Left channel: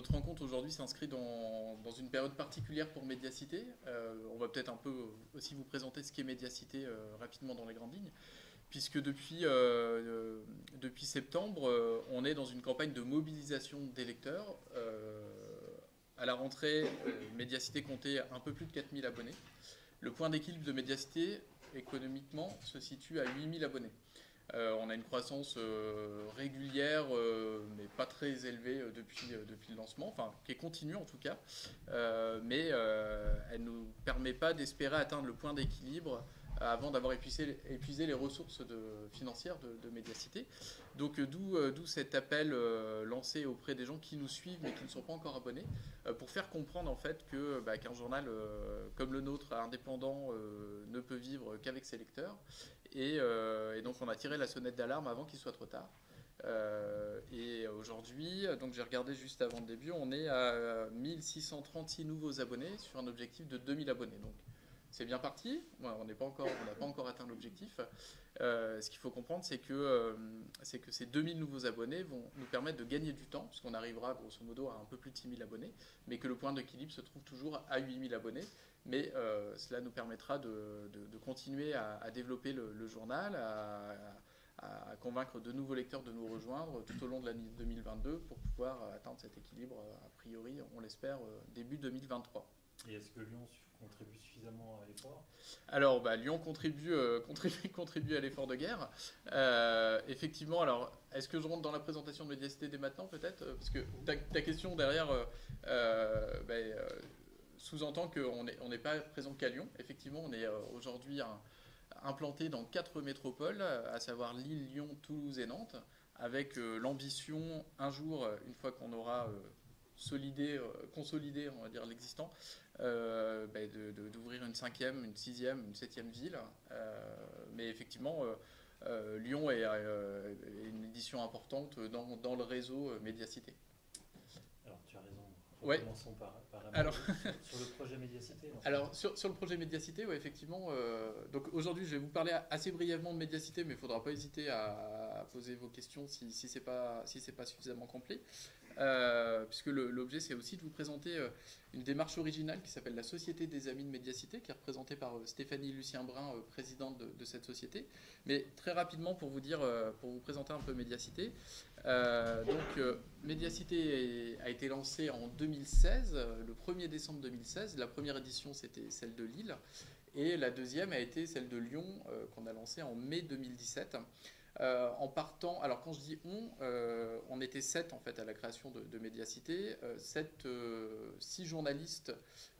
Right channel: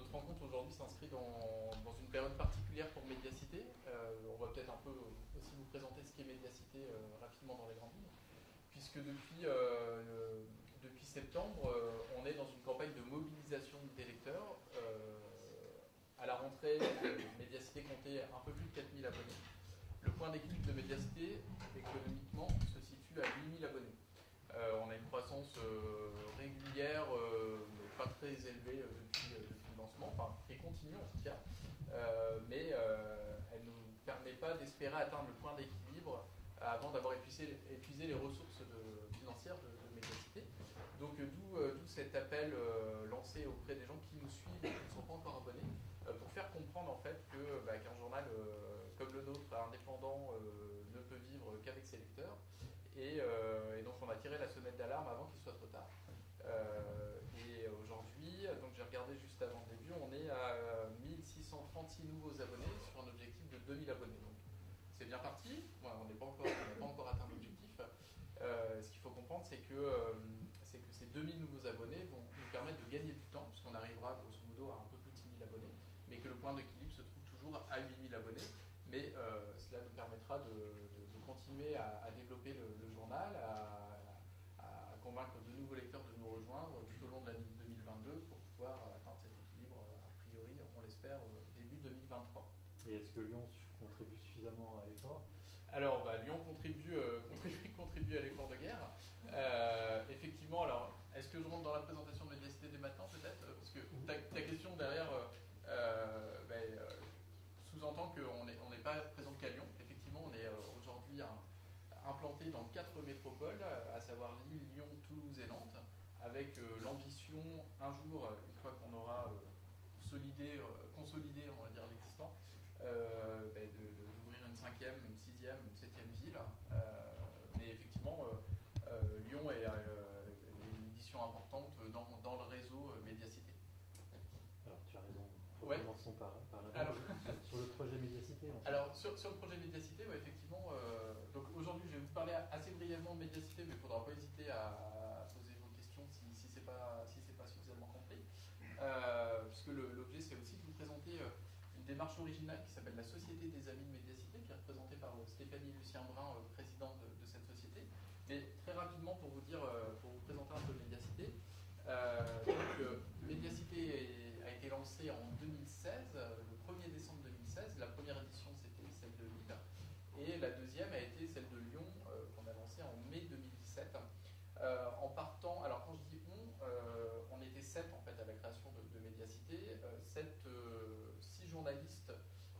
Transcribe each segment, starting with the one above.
notre rencontre aujourd'hui s'inscrit dans une période particulière pour Médiacité. On va peut-être un peu aussi vous présenter ce qu'est Médiacité rapidement dans les grandes lignes, puisque depuis septembre, on est dans une campagne de mobilisation des lecteurs. À la rentrée, Médiacité comptait un peu plus de 4000 abonnés. Le point d'équilibre de Médiacité, économiquement, se situe à 8000 abonnés. On a une croissance régulière, mais pas très élevée depuis le lancement, enfin qui est continue en tout cas, mais elle ne nous permet pas d'espérer atteindre le point d'équilibre avant d'avoir épuisé les ressources financières de Médiacité. Donc d'où cet appel lancé auprès des gens qui nous suivent mais qui ne sont pas encore abonnés, pour faire comprendre en fait qu'un journal comme le nôtre, indépendant, ne peut vivre qu'avec ses lecteurs. Et donc on a tiré la sonnette d'alarme avant qu'il soit trop tard. Et aujourd'hui, donc j'ai regardé juste avant le début, on est à 1636 nouveaux abonnés sur un objectif de 2000 abonnés. Donc c'est bien parti, on n'a pas encore atteint l'objectif. Ce qu'il faut comprendre, c'est que ces 2000 nouveaux abonnés vont nous permettre de gagner du temps, puisqu'on arrivera grosso modo à un peu plus de 6000 abonnés, mais que le point d'équilibre se trouve toujours à 8000 abonnés. Mais cela nous permettra de continuer à développer le journal, à convaincre de nouveaux lecteurs de nous rejoindre tout au long de l'année 2022 pour pouvoir atteindre cet équilibre, a priori, on l'espère, début 2023. Et est-ce que Lyon contribue suffisamment à l'effort? Alors, Lyon contribue à l'effort de guerre. Effectivement, alors, est-ce que je rentre dans la présentation de Médiacité dès maintenant, peut-être? Parce que ta question derrière sous-entend qu'on n'est pas présent qu'à Lyon. Effectivement, on est aujourd'hui implanté dans 4 métropoles, à savoir Lille, Lyon, Toulouse et Nantes, avec l'ambition, un jour, une fois qu'on aura consolidé, on va dire, l'existant, d'ouvrir une 5e, une 6e, une 7e ville. Mais effectivement, Lyon est une édition importante dans le réseau Médiacité. Alors tu as raison. Ouais. Commençons par la Alors, sur le projet Médiacité. Alors sur le projet Médiacité, ouais, effectivement. Donc aujourd'hui, je vais vous parler assez brièvement de Médiacité, mais il ne faudra pas hésiter à poser vos questions si c'est pas suffisamment complet. Puisque l'objet, c'est aussi de vous présenter une démarche originale qui s'appelle la Société des Amis de Médiacité, qui est représentée par Stéphanie Lucien-Brun, présidente de cette société. Mais très rapidement, pour vous présenter un peu Médiacité. Médiacité a été lancée en 2016, le 1er décembre 2016. La première édition, c'était celle de Lille. Et la deuxième a été celle de Lyon, qu'on a lancée en mai 2017. En partant, alors quand je dis on était 7 en fait à la création de Médiacité, 6 journalistes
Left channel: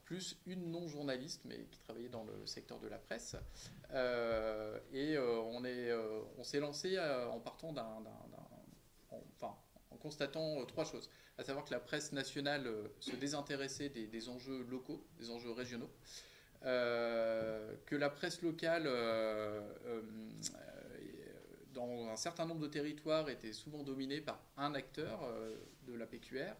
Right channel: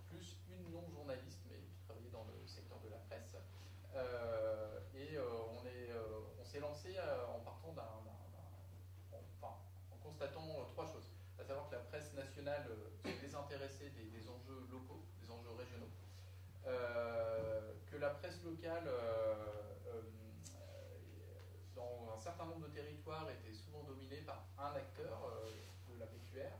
plus une non-journaliste mais qui travaillait dans le secteur de la presse. On s'est lancé en partant en constatant 3 choses, à savoir que la presse nationale se désintéressait des enjeux locaux, des enjeux régionaux, que la presse locale dans un certain nombre de territoires était souvent dominé par un acteur de la PQR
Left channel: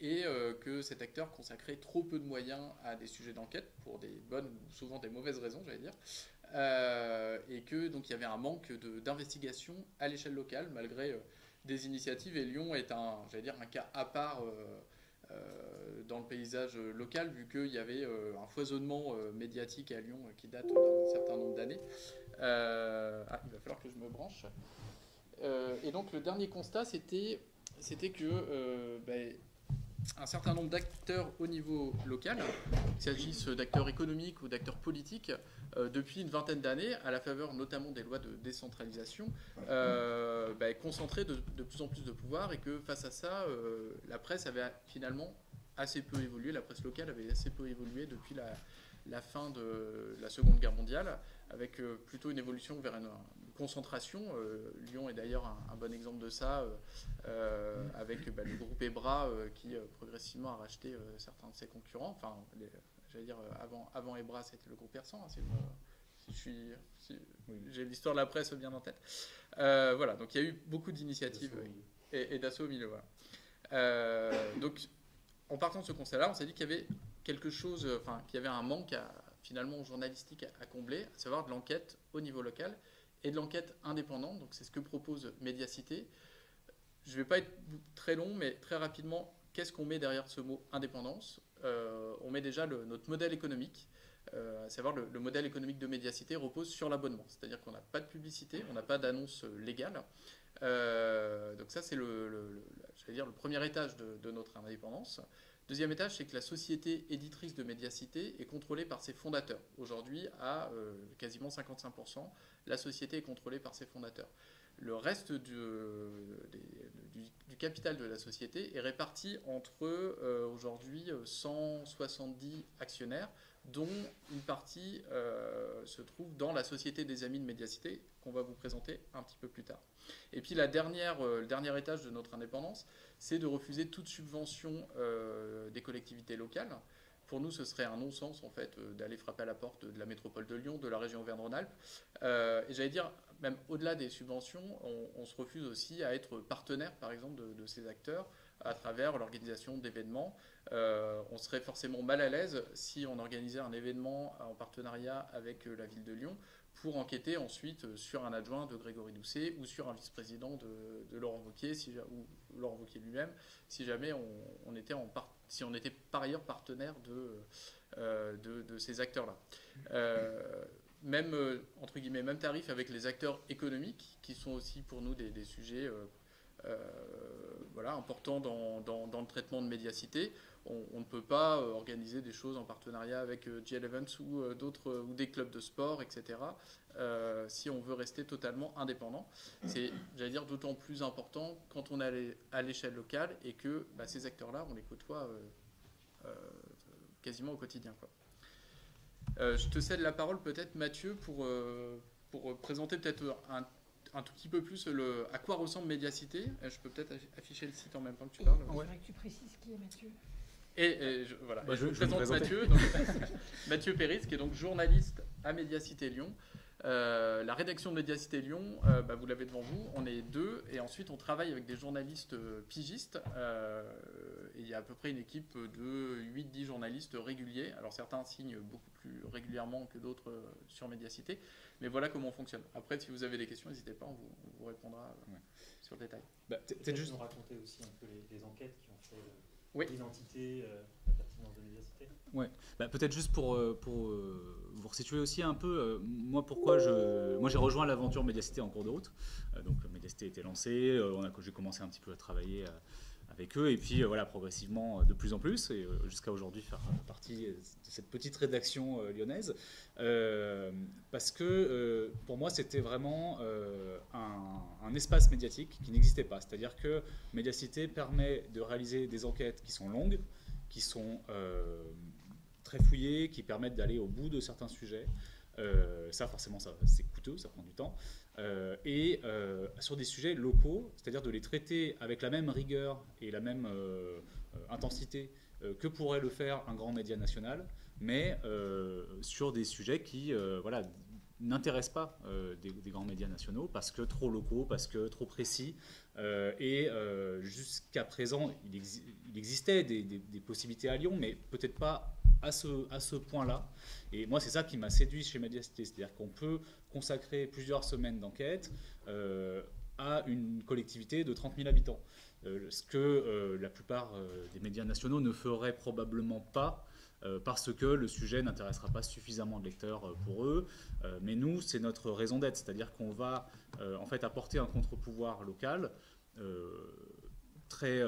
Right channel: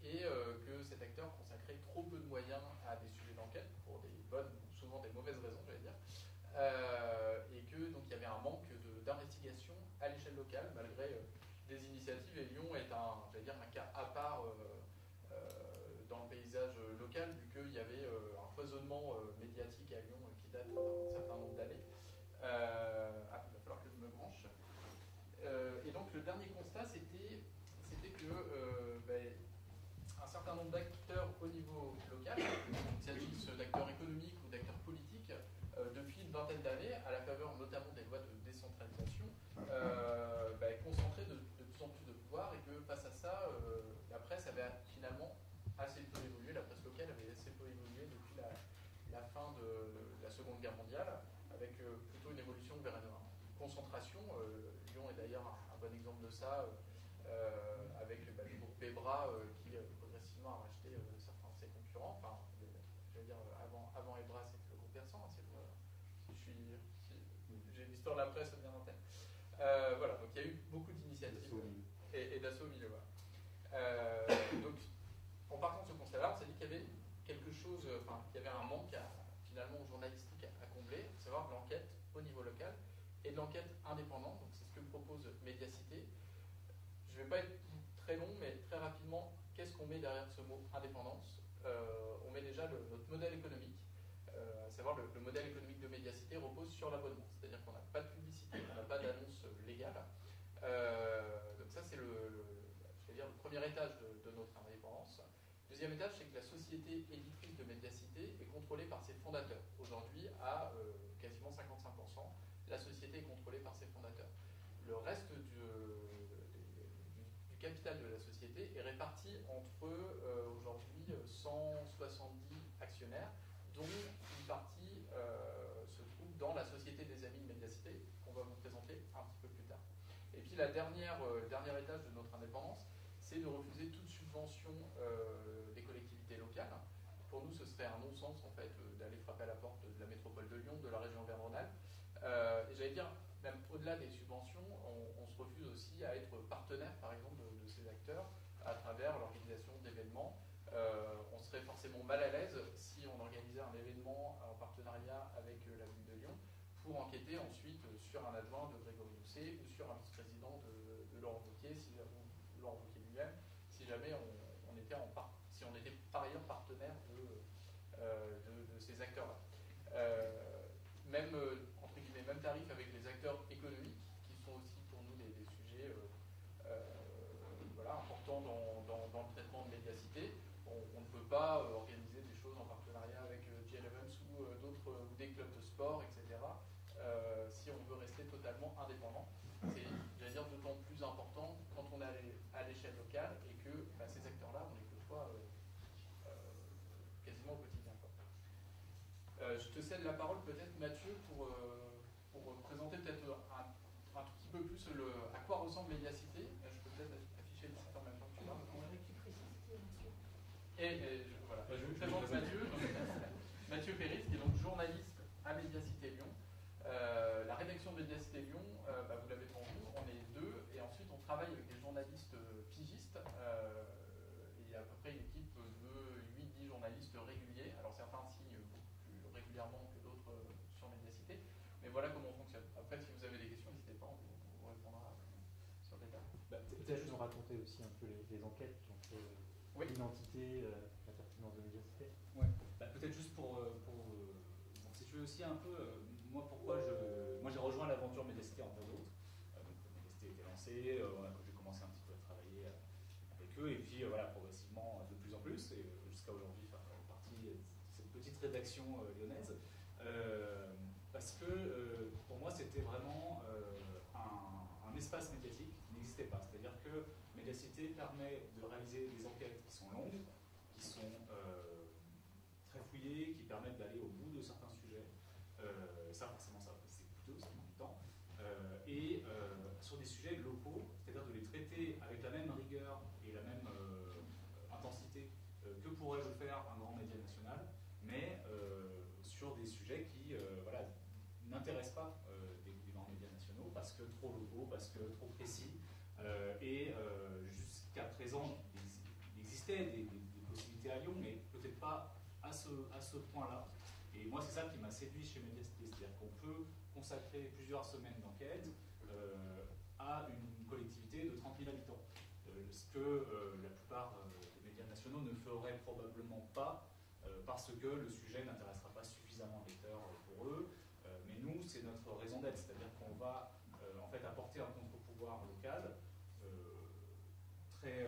et que cet acteur consacrait trop peu de moyens à des sujets d'enquête pour des bonnes ou souvent des mauvaises raisons, j'allais dire, et que donc il y avait un manque d'investigation à l'échelle locale malgré des initiatives. Et Lyon est un cas à part dans le paysage local, vu qu'il y avait un foisonnement médiatique à Lyon qui date d'un certain nombre d'années. Il va falloir que je me branche. Et donc le dernier constat, c'était que un certain nombre d'acteurs au niveau local, qu'il s'agisse d'acteurs économiques ou d'acteurs politiques, depuis une vingtaine d'années, à la faveur notamment des lois de décentralisation, concentraient de plus en plus de pouvoir, et que face à ça, la presse avait finalement assez peu évolué, la presse locale avait assez peu évolué depuis la fin de la Seconde Guerre mondiale, avec plutôt une évolution vers une concentration. Lyon est d'ailleurs un bon exemple de ça, avec le groupe EBRA qui progressivement a racheté certains de ses concurrents. Enfin, avant EBRA, c'était le groupe Persan. J'ai l'histoire de la presse bien en tête. Voilà, donc il y a eu beaucoup d'initiatives et d'assauts au milieu. Voilà. Donc, en partant de ce constat-là, on s'est dit qu'il y avait quelque chose, qu'il y avait un manque finalement journalistique à combler, à savoir de l'enquête au niveau local et de l'enquête indépendante. Donc c'est ce que propose Médiacité. Je ne vais pas être très long, mais très rapidement, qu'est-ce qu'on met derrière ce mot indépendance? On met déjà notre modèle économique, à savoir le modèle économique de Mediacité repose sur l'abonnement, c'est-à-dire qu'on n'a pas de publicité, on n'a pas d'annonce légale. Donc ça c'est je vais dire, le premier étage de notre indépendance. Deuxième étage, c'est que la société éditrice de Mediacité est contrôlée par ses fondateurs. Aujourd'hui, à quasiment 55%, la société est contrôlée par ses fondateurs. Le reste du capital de la société est réparti entre aujourd'hui 170 actionnaires, dont une partie se trouve dans la Société des Amis de Mediacité, qu'on va vous présenter un petit peu plus tard. Et puis le dernier étage de notre indépendance, c'est de refuser toute subvention des collectivités locales. Pour nous, ce serait un non-sens en fait d'aller frapper à la porte de la métropole de Lyon, de la région Auvergne-Rhône-Alpes. Et j'allais dire, même au-delà des subventions, on se refuse aussi à être partenaire, par exemple, de ces acteurs à travers l'organisation d'événements. On serait forcément mal à l'aise si on organisait un événement en partenariat avec la ville de Lyon pour enquêter ensuite sur un adjoint de Grégory Doucet ou sur un vice-président de Laurent Wauquiez, ou Laurent Wauquiez lui-même, si jamais si on était par ailleurs partenaire de ces acteurs-là. Même, entre guillemets, même tarif avec les acteurs économiques, qui sont aussi pour nous des sujets importants dans le traitement de Mediacité. On ne peut pas organiser des choses en partenariat avec GL Events ou des clubs de sport, etc. Si on veut rester totalement indépendant. C'est, j'allais dire, d'autant plus important quand on est à l'échelle locale et que ces acteurs-là, on les côtoie quasiment au quotidien, quoi. Je te cède la parole peut-être, Mathieu, pour présenter peut-être un tout petit peu plus à quoi ressemble Mediacité. Je peux peut-être afficher le site en même temps que tu parles. Il faudrait que tu précises qui est Mathieu. Voilà. Je vous présente Mathieu, Mathieu Péris, qui est donc journaliste à Mediacité Lyon. La rédaction de Mediacité Lyon, vous l'avez devant vous, on est 2, et ensuite on travaille avec des journalistes pigistes. Et il y a à peu près une équipe de 8-10 journalistes réguliers. Alors certains signent beaucoup plus régulièrement que d'autres sur Mediacité, mais voilà comment on fonctionne. Après, si vous avez des questions, n'hésitez pas, on vous répondra sur le détail. Peut-être juste nous raconter aussi un peu les enquêtes qui ont fait l'identité, la pertinence de Mediacité. Ouais. Peut-être juste pour vous resituer aussi un peu, moi j'ai rejoint l'aventure Mediacité en cours de route. Donc Mediacité était lancée, j'ai commencé un petit peu à travailler avec eux, et puis progressivement de plus en plus, et jusqu'à aujourd'hui faire partie de cette petite rédaction lyonnaise, parce que pour moi c'était vraiment un espace médiatique qui n'existait pas, c'est-à-dire que Mediacité permet de réaliser des enquêtes qui sont longues, qui sont très fouillées, qui permettent d'aller au bout de certains sujets. Ça forcément c'est coûteux, ça prend du temps. Et sur des sujets locaux, c'est-à-dire de les traiter avec la même rigueur et la même intensité que pourrait le faire un grand média national, mais sur des sujets qui n'intéressent pas des grands médias nationaux, parce que trop locaux, parce que trop précis. Et jusqu'à présent, il existait des possibilités à Lyon, mais peut-être pas à ce point-là. Et moi, c'est ça qui m'a séduit chez Mediacité, c'est-à-dire qu'on peut consacrer plusieurs semaines d'enquête à une collectivité de 30 000 habitants. Ce que la plupart des médias nationaux ne feraient probablement pas, parce que le sujet n'intéressera pas suffisamment de lecteurs pour eux. Mais nous, c'est notre raison d'être, c'est-à-dire qu'on va en fait apporter un contre-pouvoir local, très,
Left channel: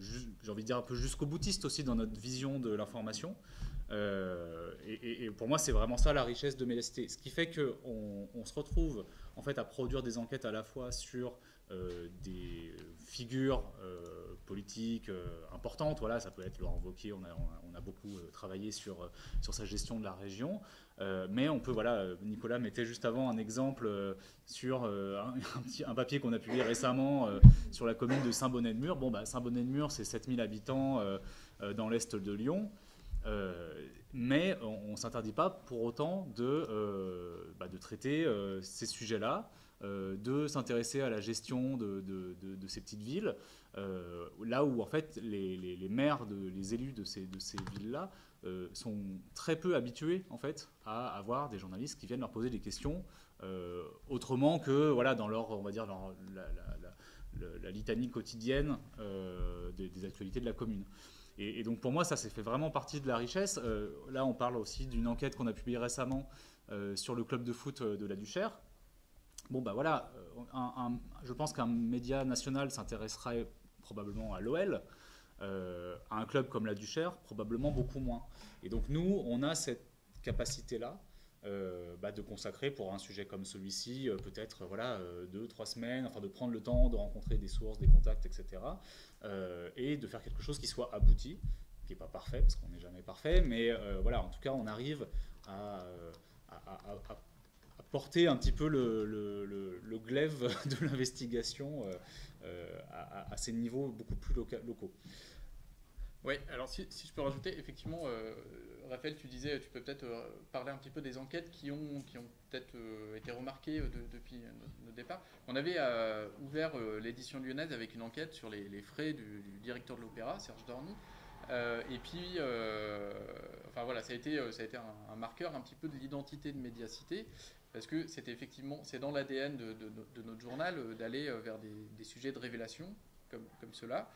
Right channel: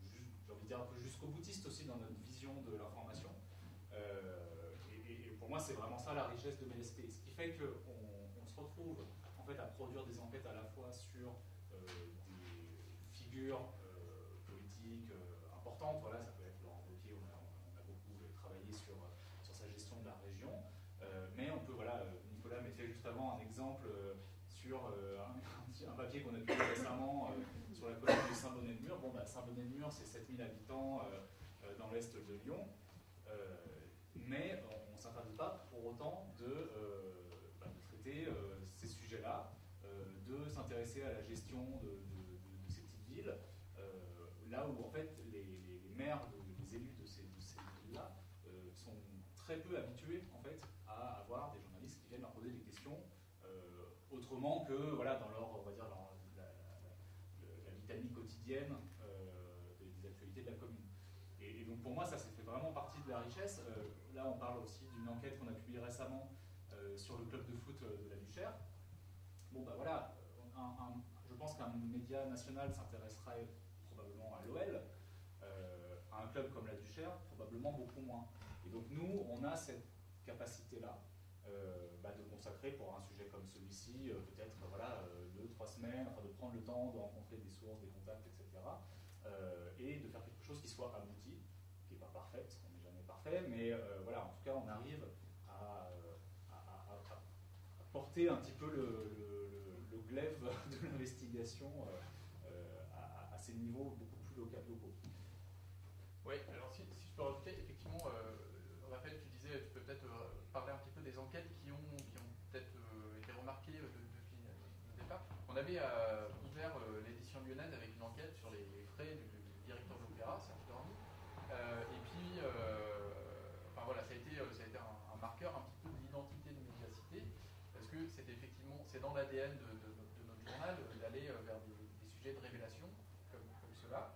j'ai envie de dire un peu jusqu'au boutiste aussi dans notre vision de l'information. Et pour moi, c'est vraiment ça la richesse de Mediacité. Ce qui fait qu'on se retrouve en fait à produire des enquêtes à la fois sur des figures politiques importantes. Voilà, ça peut être Laurent Wauquiez, on a beaucoup travaillé sur sa gestion de la région. Mais on peut, Nicolas mettait juste avant un exemple sur un papier qu'on a publié récemment sur la commune de Saint-Bonnet-de-Mur. Saint-Bonnet-de-Mur, c'est 7000 habitants dans l'est de Lyon. Mais on ne s'interdit pas pour autant de traiter ces sujets-là, de s'intéresser à la gestion de ces petites villes, là où en fait les maires, les élus de ces villes-là sont très peu habitués en fait à avoir des journalistes qui viennent leur poser des questions autrement que dans leur, on va dire, la litanie quotidienne des actualités de la commune. Et donc pour moi, ça fait vraiment partie de la richesse. Là, on parle aussi d'une enquête qu'on a publiée récemment sur le club de foot de la Duchère. Bon, bah voilà, je pense qu'un média national s'intéresserait probablement à l'OL, à un club comme la Duchère, probablement beaucoup moins. Et donc nous, on a cette capacité-là de consacrer pour un sujet comme celui-ci, peut-être 2-3 semaines, enfin de prendre le temps de rencontrer des sources, des contacts, etc. Et de faire quelque chose qui soit abouti, qui n'est pas parfait, parce qu'on n'est jamais parfait, mais en tout cas, on arrive à porter un petit peu le glaive de l'investigation à ces niveaux beaucoup plus locaux. Oui, alors si je peux rajouter, effectivement, Raphaël, tu disais, tu peux peut-être parler un petit peu des enquêtes qui ont peut-être été remarquées depuis le départ. On avait ouvert l'édition lyonnaise avec une enquête sur les frais du directeur de l'Opéra, Serge Dorny. Et puis, ça a été un marqueur un petit peu de l'identité de Médiacité, parce que c'est dans l'ADN de notre journal d'aller vers des sujets de révélation comme cela.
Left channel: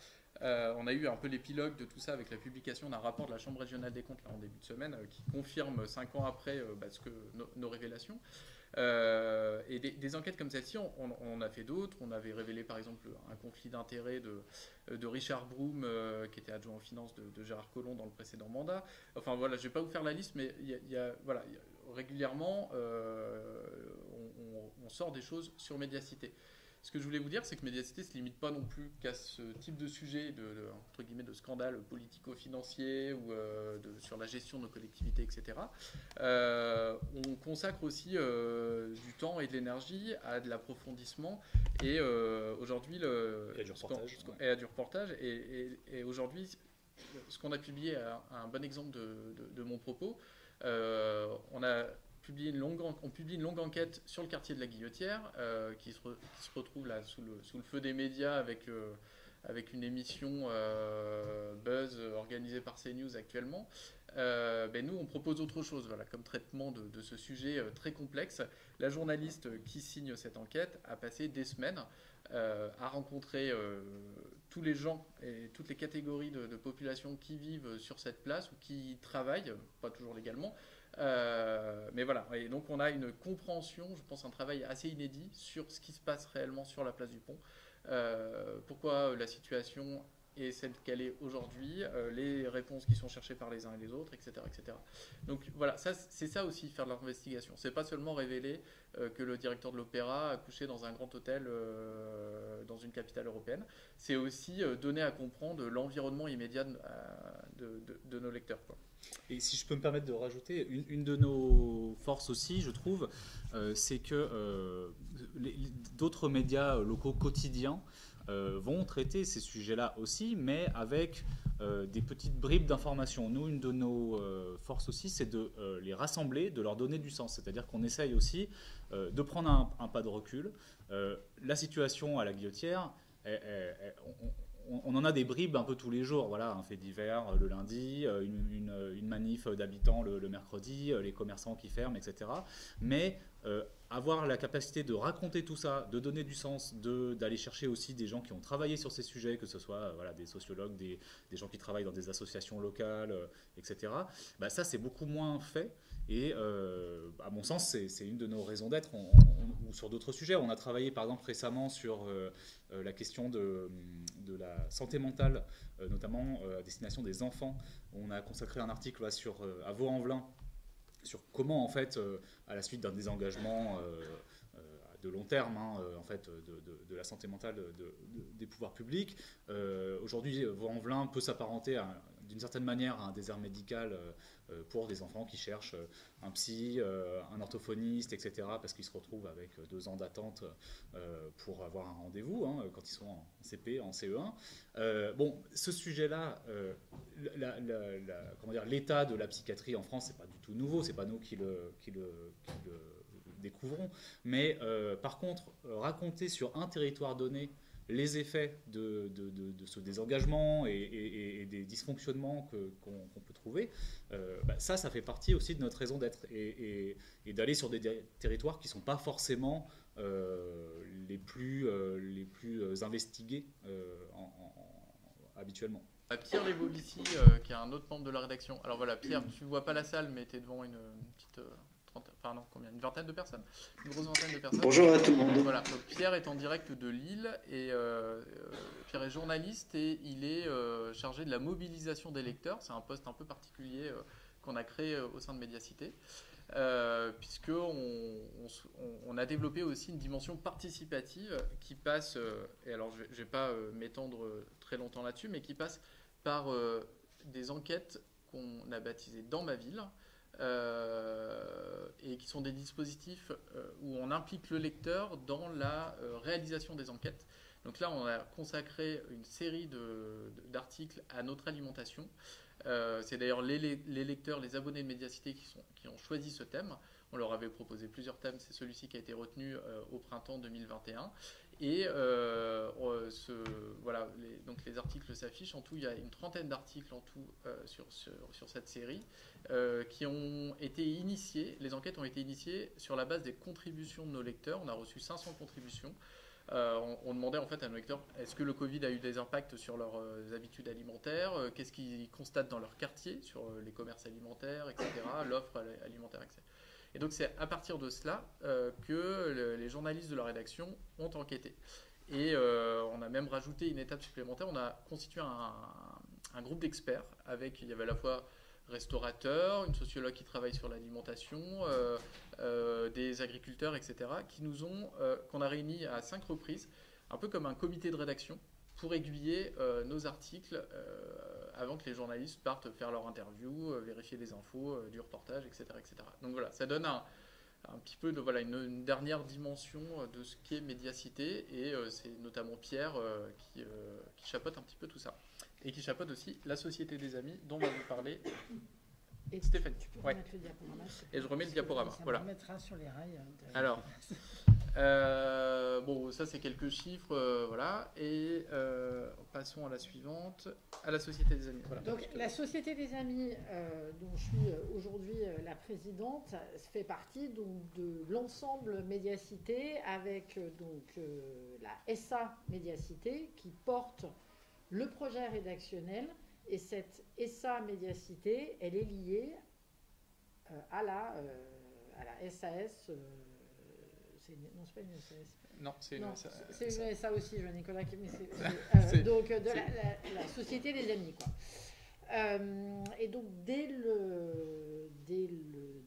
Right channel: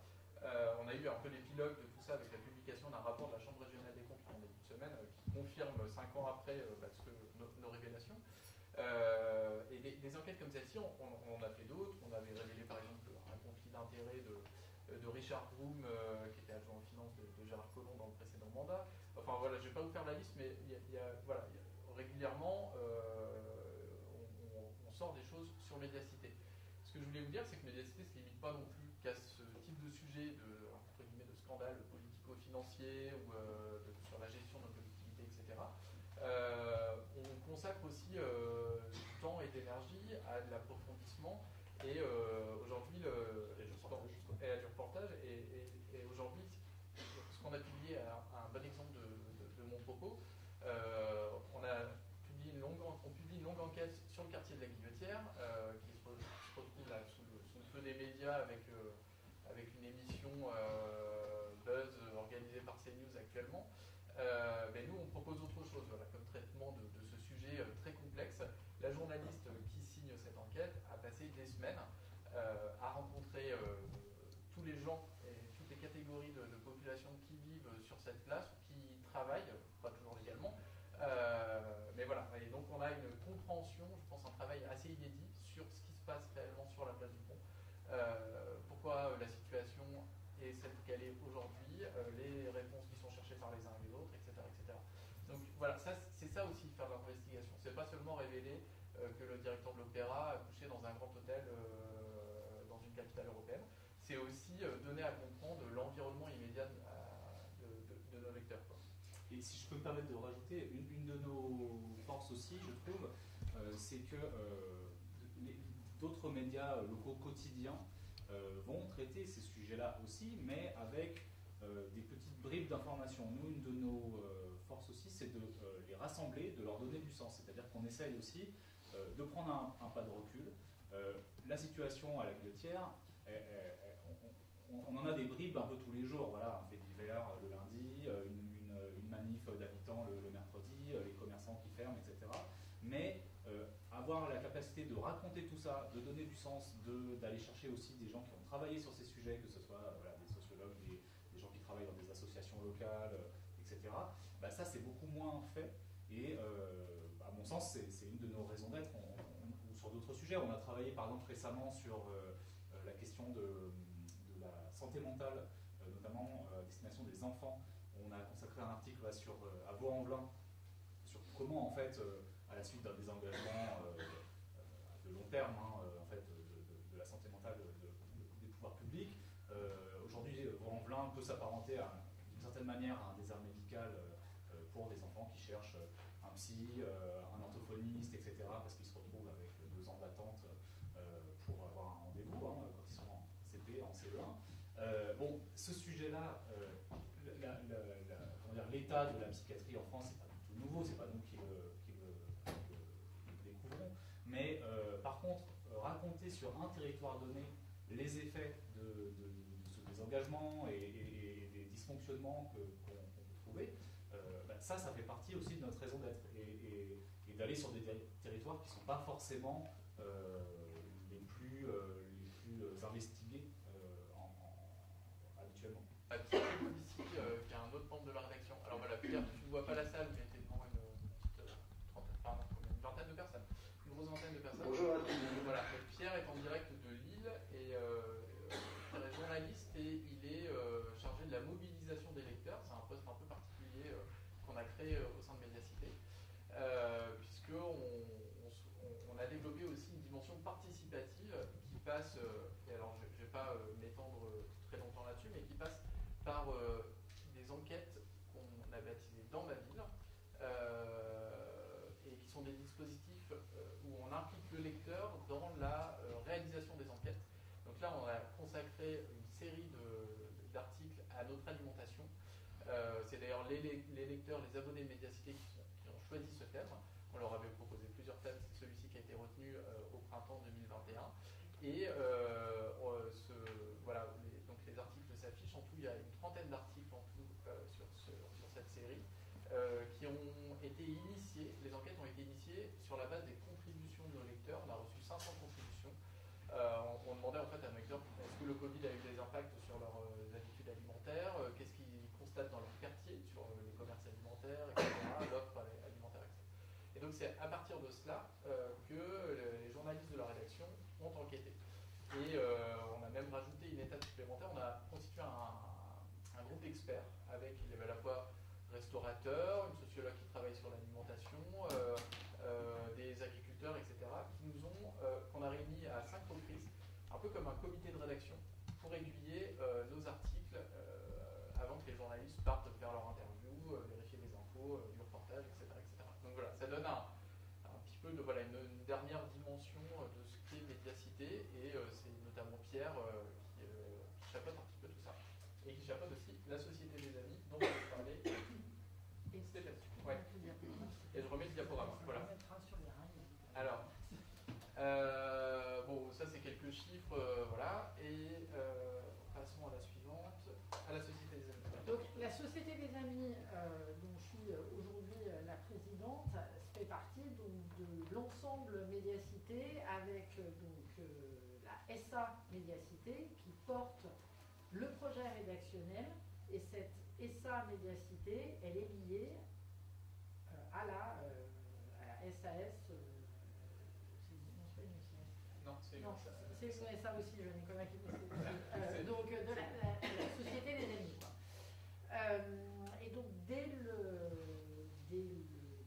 On a eu un peu l'épilogue de tout ça avec la publication d'un rapport de la Chambre régionale des comptes là, en début de semaine qui confirme 5 ans après nos révélations. Et des enquêtes comme celle-ci, on a fait d'autres. On avait révélé par exemple un conflit d'intérêts de Richard Broom, qui était adjoint aux finances de Gérard Collomb dans le précédent mandat. Enfin voilà, je ne vais pas vous faire la liste, mais régulièrement, on sort des choses sur Médiacité. Ce que je voulais vous dire, c'est que Médiacité ne se limite pas non plus qu'à ce type de sujet entre guillemets, de scandale politico-financier ou sur la gestion de nos collectivités, etc. On consacre aussi du temps et de l'énergie à de l'approfondissement et aujourd'hui à du reportage. Et aujourd'hui, ce qu'on a publié, un bon exemple de mon propos, on publie une longue enquête sur le quartier de la Guillotière qui se retrouve là sous le feu des médias avec une émission Buzz organisée par CNews actuellement. Nous, on propose autre chose comme traitement de ce sujet très complexe. La journaliste qui signe cette enquête a passé des semaines à rencontrer tous les gens et toutes les catégories de population qui vivent sur cette place ou qui y travaillent, pas toujours légalement. Mais voilà, et donc on a une compréhension, je pense un travail assez inédit sur ce qui se passe réellement sur la place du Pont, pourquoi la situation est celle qu'elle est aujourd'hui, les réponses qui sont cherchées par les uns et les autres, etc. etc. Donc voilà, c'est ça aussi faire de l'investigation, c'est pas seulement révéler que le directeur de l'Opéra a couché dans un grand hôtel dans une capitale européenne, c'est aussi donner à comprendre l'environnement immédiat de nos lecteurs, quoi. Et si je peux me permettre de rajouter, une de nos forces aussi, je trouve, c'est que d'autres médias locaux quotidiens vont traiter ces sujets-là aussi, mais avec des petites bribes d'informations. Nous, une de nos forces aussi, c'est de les rassembler, de leur donner du sens. C'est-à-dire qu'on essaye aussi de prendre un pas de recul. La situation à la Guillotière, on en a des bribes un peu tous les jours, voilà, un fait divers le lundi, une manif d'habitants le mercredi, les commerçants qui ferment, etc. Mais avoir la capacité de raconter tout ça, de donner du sens, d'aller chercher aussi des gens qui ont travaillé sur ces sujets, que ce soit des sociologues, des gens qui travaillent dans des associations locales, etc. Ça, c'est beaucoup moins fait. Et à mon sens, c'est une de nos raisons d'être. Ou sur d'autres sujets, on a travaillé par exemple récemment sur la question de la santé mentale, notamment à destination des enfants. On a consacré un article à Vaux-en-Velin sur comment, en fait, à la suite d'un désengagement de long terme, de la santé mentale des pouvoirs publics, aujourd'hui, Vaux-en-Velin peut s'apparenter d'une certaine manière à un désert médical pour des enfants qui cherchent un psy, un orthophoniste, etc., parce qu'ils se retrouvent avec 2 ans d'attente pour avoir un rendez-vous quand ils sont en CP, en CE1. Ce sujet-là, l'état de la psychiatrie en France, c'est pas du tout nouveau, c'est pas nous qui le découvrons, mais par contre, raconter sur un territoire donné les effets de ce désengagement et des dysfonctionnements qu'on peut trouver, ça fait partie aussi de notre raison d'être et d'aller sur des territoires qui ne sont pas forcément les plus investigués habituellement. Pierre Lebovici, qui est un autre membre de la rédaction. Alors voilà, Pierre, tu ne vois pas la salle, mais tu es devant une petite une vingtaine de personnes, une grosse vingtaine de personnes. Bonjour à tout le monde. Voilà, donc Pierre est en direct de Lille et Pierre est journaliste et il est chargé de la mobilisation des lecteurs. C'est un poste un peu particulier qu'on a créé au sein de Médiacité. Puisqu'on a développé aussi une dimension participative qui passe, et alors je ne vais pas m'étendre très longtemps là-dessus, mais qui passe par des enquêtes qu'on a baptisées Dans ma ville, et qui sont des dispositifs où on implique le lecteur dans la réalisation des enquêtes. Donc là, on a consacré une série d'articles à notre alimentation. C'est d'ailleurs les lecteurs, les abonnés de Médiacité qui ont choisi ce thème. On leur avait proposé plusieurs thèmes, c'est celui-ci qui a été retenu au printemps 2021. Et donc les articles s'affichent. En tout, il y a une trentaine d'articles en tout sur cette série qui ont été initiés. Les enquêtes ont été initiées sur la base des contributions de nos lecteurs. On a reçu 500 contributions. On demandait en fait à nos lecteurs est-ce que le Covid a eu des impacts sur leurs habitudes alimentaires, qu'est-ce qu'ils constatent dans leur quartier, sur les commerces alimentaires, etc., l'offre alimentaire, etc. Et donc c'est à partir de cela que les journalistes de la rédaction ont enquêté. Et on a même rajouté une étape supplémentaire, on a constitué un groupe d'experts avec, il y avait à la fois restaurateurs, une sociologue qui travaille sur l'alimentation, des agriculteurs, etc., qu'on a réunis à 5 reprises, un peu comme un comité de rédaction, pour aiguiller nos articles avant que les journalistes partent faire leur interview, vérifier des infos, du reportage, etc., etc. Donc voilà, ça donne un petit peu une dernière dimension de ce qu'est Médiacité, et c'est notamment Pierre qui chapeaute un petit peu tout ça. Et qui chapeaute aussi la Société des Amis, dont va vous parler Stéphanie. Ouais. Le diaporama, et je remets le diaporama. Voilà. On mettra sur les rails. Alors, bon, ça c'est quelques chiffres, voilà. Et passons à la suivante, à la Société des Amis. Voilà. Donc, la Société des Amis, dont je suis aujourd'hui la présidente, fait partie donc, de l'ensemble Médiacité avec la SA Médiacité qui porte le projet rédactionnel, et cette SA Médiacité, elle est liée à la SAS. Non, c'est pas une SAS. Non, c'est une SA. C'est une SA aussi, Jean-Nicolas. Donc, de la Société des Amis, quoi. Et donc, dès le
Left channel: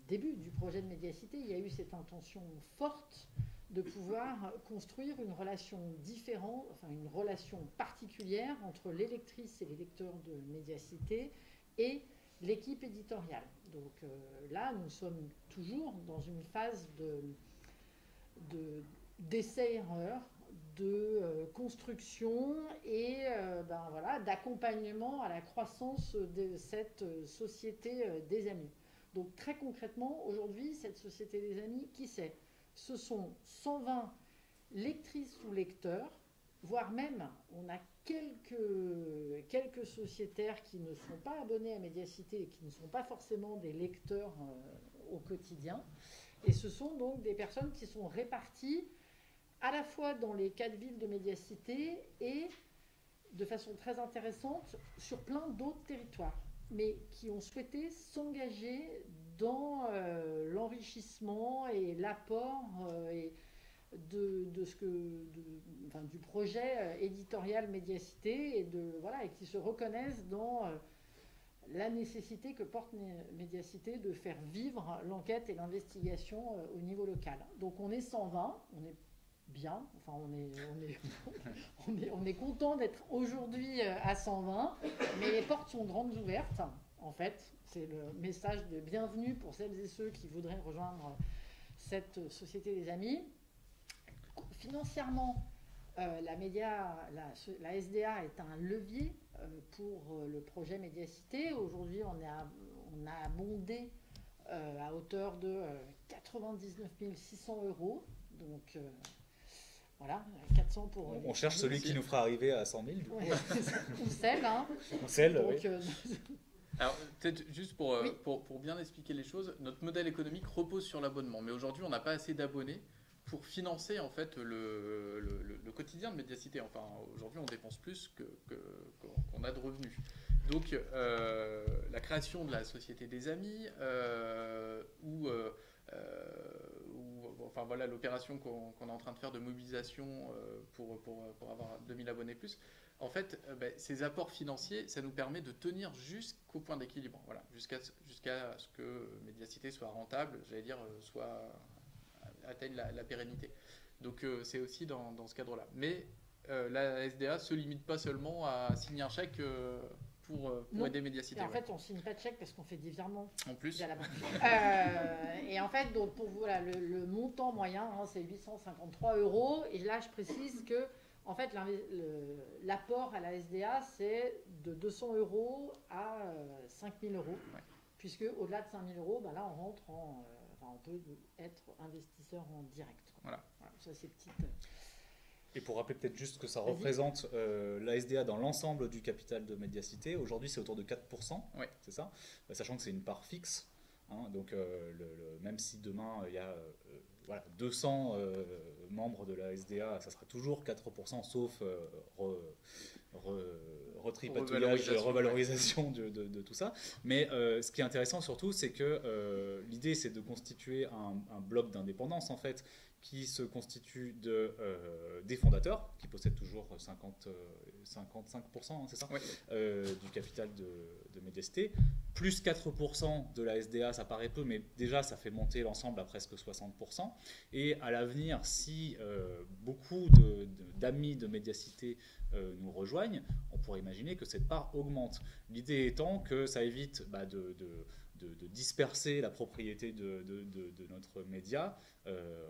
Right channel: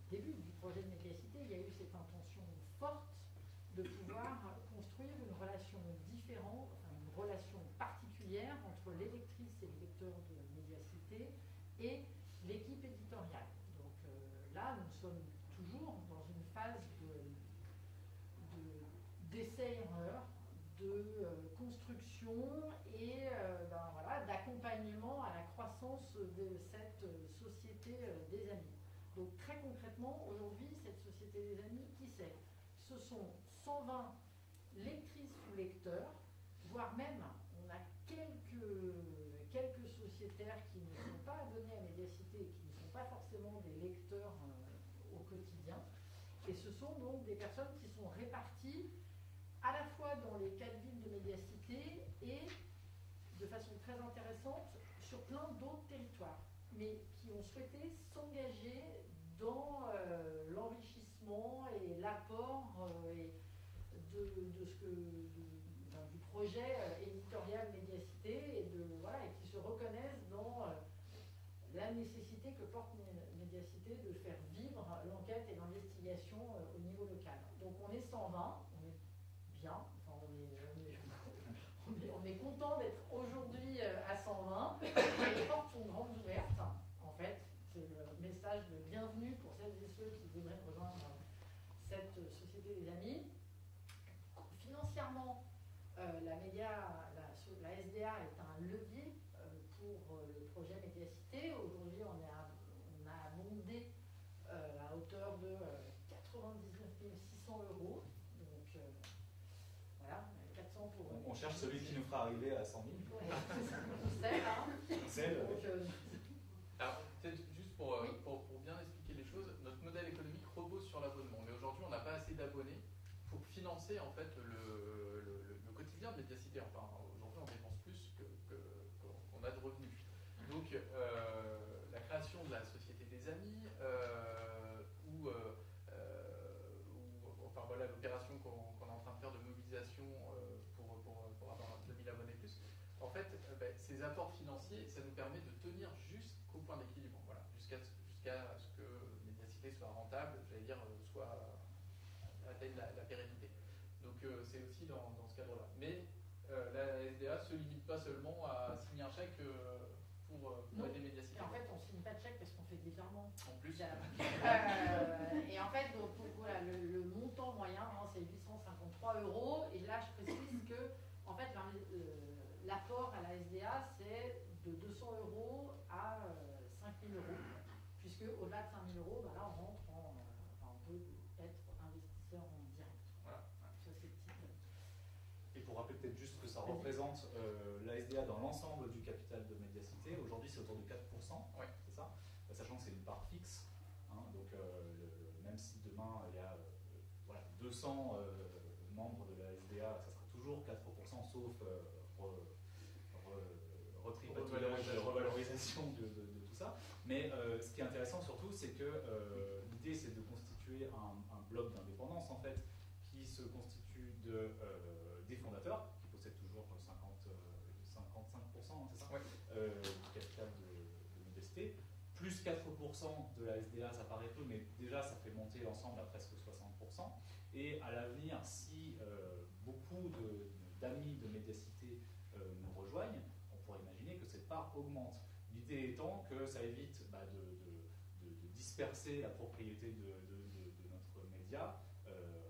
début du projet de Médiacité, il y a eu cette intention forte de pouvoir construire une relation différente, enfin une relation particulière entre les lectrices et les lecteurs de Médiacité et l'équipe éditoriale. Donc là, nous sommes toujours dans une phase d'essai-erreur, de construction et d'accompagnement à la croissance de cette Société des Amis. Donc très concrètement, aujourd'hui, cette Société des Amis, qui c'est ? Ce sont 120 lectrices ou lecteurs, voire même, on a quelques sociétaires qui ne sont pas abonnés à Médiacité et qui ne sont pas forcément des lecteurs au quotidien. Et ce sont donc des personnes qui sont réparties à la fois dans les 4 villes de Médiacité et de façon très intéressante sur plein d'autres territoires, mais qui ont souhaité s'engager dans l'enrichissement et l'apport du projet éditorial Médiacité et qui se reconnaissent dans la nécessité que porte Médiacité de faire vivre l'enquête et l'investigation au niveau local. Donc on est 120, on est bien, enfin on est content d'être aujourd'hui à 120, mais les portes sont grandes ouvertes en fait. C'est le message de bienvenue pour celles et ceux qui voudraient rejoindre cette Société des Amis. Financièrement, la SDA est un levier pour le projet Médiacité. Aujourd'hui, on a abondé à hauteur de 99 600 €. Donc voilà, 400 pour... On cherche celui qui nous fera arriver à 100 000. Ouais. On scelle, hein. On scelle, donc, oui. Alors, peut-être juste pour bien expliquer les choses, notre modèle économique repose sur l'abonnement. Mais aujourd'hui, on n'a pas assez d'abonnés pour financer en fait le quotidien de Mediacité. Enfin, aujourd'hui, on dépense plus qu'on a de revenus. Donc, la création de la Société des Amis, enfin voilà, l'opération qu'on est en train de faire de mobilisation pour avoir 2000 abonnés plus, en fait, ces apports financiers, ça nous permet de tenir jusqu'au point d'équilibre, voilà, jusqu'à ce que Mediacité soit rentable, j'allais dire, atteigne la pérennité. Donc c'est aussi dans ce cadre-là. Mais la SDA ne se limite pas seulement à signer un chèque pour aider Mediacité. Et en fait, on ne signe pas de chèque parce qu'on fait des virements. En plus. Via la banque. Et en fait, donc, voilà, le montant moyen, hein, c'est 853 €. Et là, je précise que en fait, l'apport à la SDA, c'est de 200 € à 5 000 €. Ouais. Puisque au-delà de 5 000 €, là, on rentre on peut être investisseur en direct. Voilà. Ça, c'est petite. Et pour rappeler peut-être juste que ça représente la SDA dans l'ensemble du capital de Mediacité, aujourd'hui c'est autour de 4%, ouais. C'est ça, sachant que c'est une part fixe, hein, donc même si demain il y a 200 membres de la SDA, ça sera toujours 4%, sauf retripatouillage, revalorisation de tout ça. Mais ce qui est intéressant surtout, c'est que l'idée c'est de constituer un bloc d'indépendance en fait, qui se constitue des fondateurs, qui possèdent toujours 55%, c'est ça, ouais. Du capital de Mediacité, plus 4% de la SDA, ça paraît peu, mais déjà ça fait monter l'ensemble à presque 60%. Et à l'avenir, si beaucoup d'amis de Mediacité nous rejoignent, on pourrait imaginer que cette part augmente. L'idée étant que ça évite de disperser la propriété de notre média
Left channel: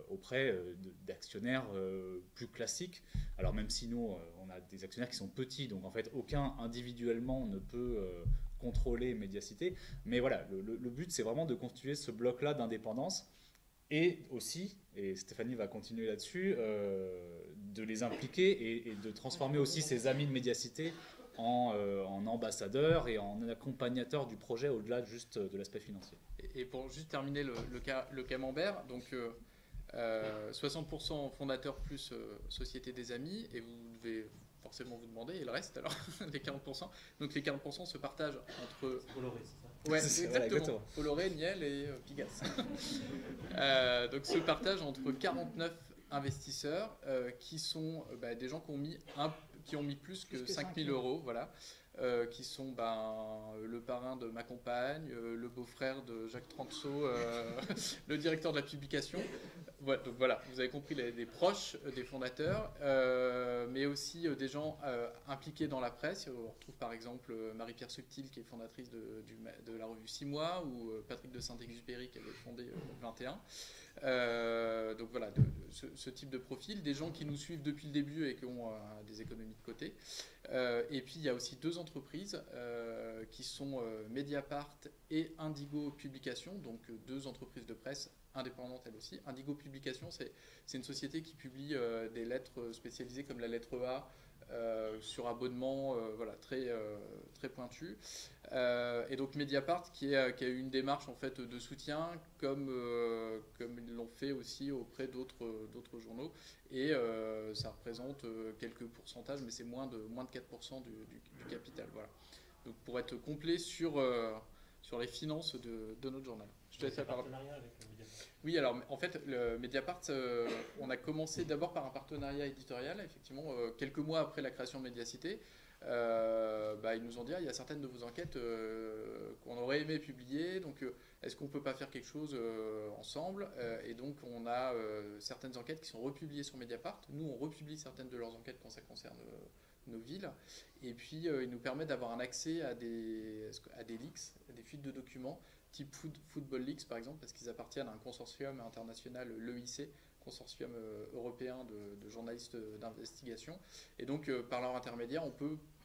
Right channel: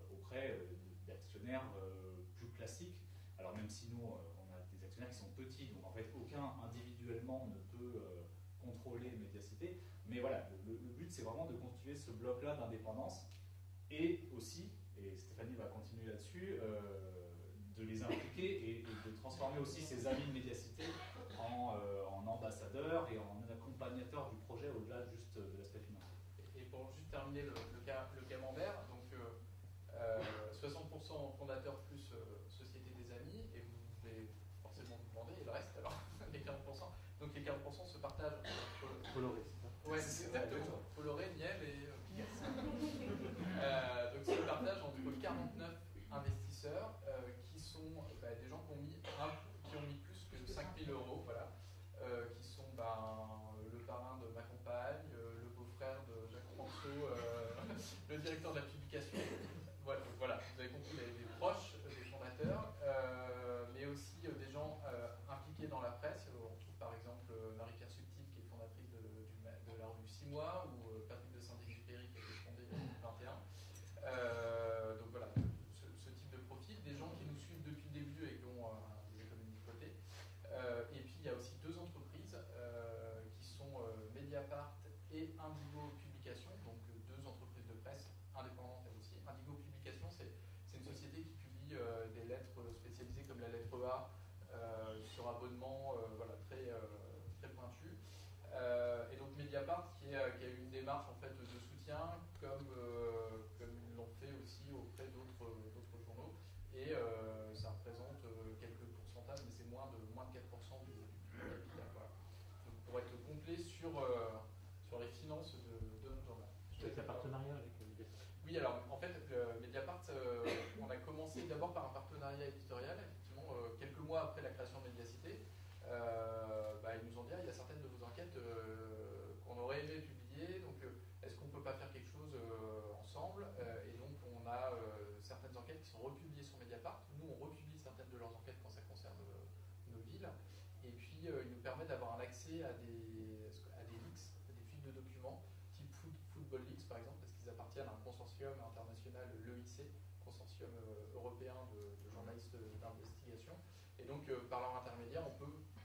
auprès d'actionnaires plus classiques. Alors même si nous, on a des actionnaires qui sont petits, donc en fait aucun individuellement ne peut contrôler Mediacité. Mais voilà, le but c'est vraiment de constituer ce bloc-là d'indépendance et aussi, et Stéphanie va continuer là-dessus, de les impliquer et de transformer aussi ces amis de Mediacité en ambassadeurs et en accompagnateurs du projet au-delà juste de l'aspect financier. Et pour juste terminer le camembert, donc 60% fondateurs plus Société des Amis, et vous devez forcément vous demander, et le reste alors, les 40%. Donc les 40% se partagent entre... Bolloré, c'est ça. Ouais, exactement. Bolloré, Niel et Pigasse. Donc se partagent entre 49 investisseurs qui sont des gens qui ont mis plus que 5 000 €, voilà, qui sont le parrain de ma compagne, le beau-frère de Jacques Tranceau, le directeur de la publication. Voilà, donc voilà, vous avez compris, les proches des fondateurs, mais aussi des gens impliqués dans la presse. On retrouve par exemple Marie-Pierre Subtil, qui est fondatrice de la revue 6 mois, ou Patrick de Saint-Exupéry, qui avait fondé 21. Donc voilà, ce type de profil, des gens qui nous suivent depuis le début et qui ont des économies de côté. Et puis il y a aussi deux entreprises qui sont Mediapart et Indigo Publications, donc deux entreprises de presse indépendantes elles aussi. Indigo Publications, c'est une société qui publie des lettres spécialisées comme la lettre A sur abonnement, voilà, très pointue. Et donc Mediapart qui a eu une démarche en fait de soutien comme ils l'ont fait aussi auprès d'autres journaux, et ça représente quelques pourcentages, mais c'est moins de 4% du capital, voilà. Donc pour être complet sur les finances de notre journal. Je te laisse la parole. Oui, alors en fait, le Mediapart, on a commencé d'abord par un partenariat éditorial, effectivement, quelques mois après la création de Mediacité. Ils nous ont dit il y a certaines de vos enquêtes qu'on aurait aimé publier, donc est-ce qu'on ne peut pas faire quelque chose ensemble, et donc on a certaines enquêtes qui sont republiées sur Mediapart. Nous on republie certaines de leurs enquêtes quand ça concerne nos villes, et puis ils nous permettent d'avoir un accès à des leaks, à des fuites de documents type Football Leaks par exemple, parce qu'ils appartiennent à un consortium international, l'EIC, consortium européen de journalistes d'investigation, et donc par leur intermédiaire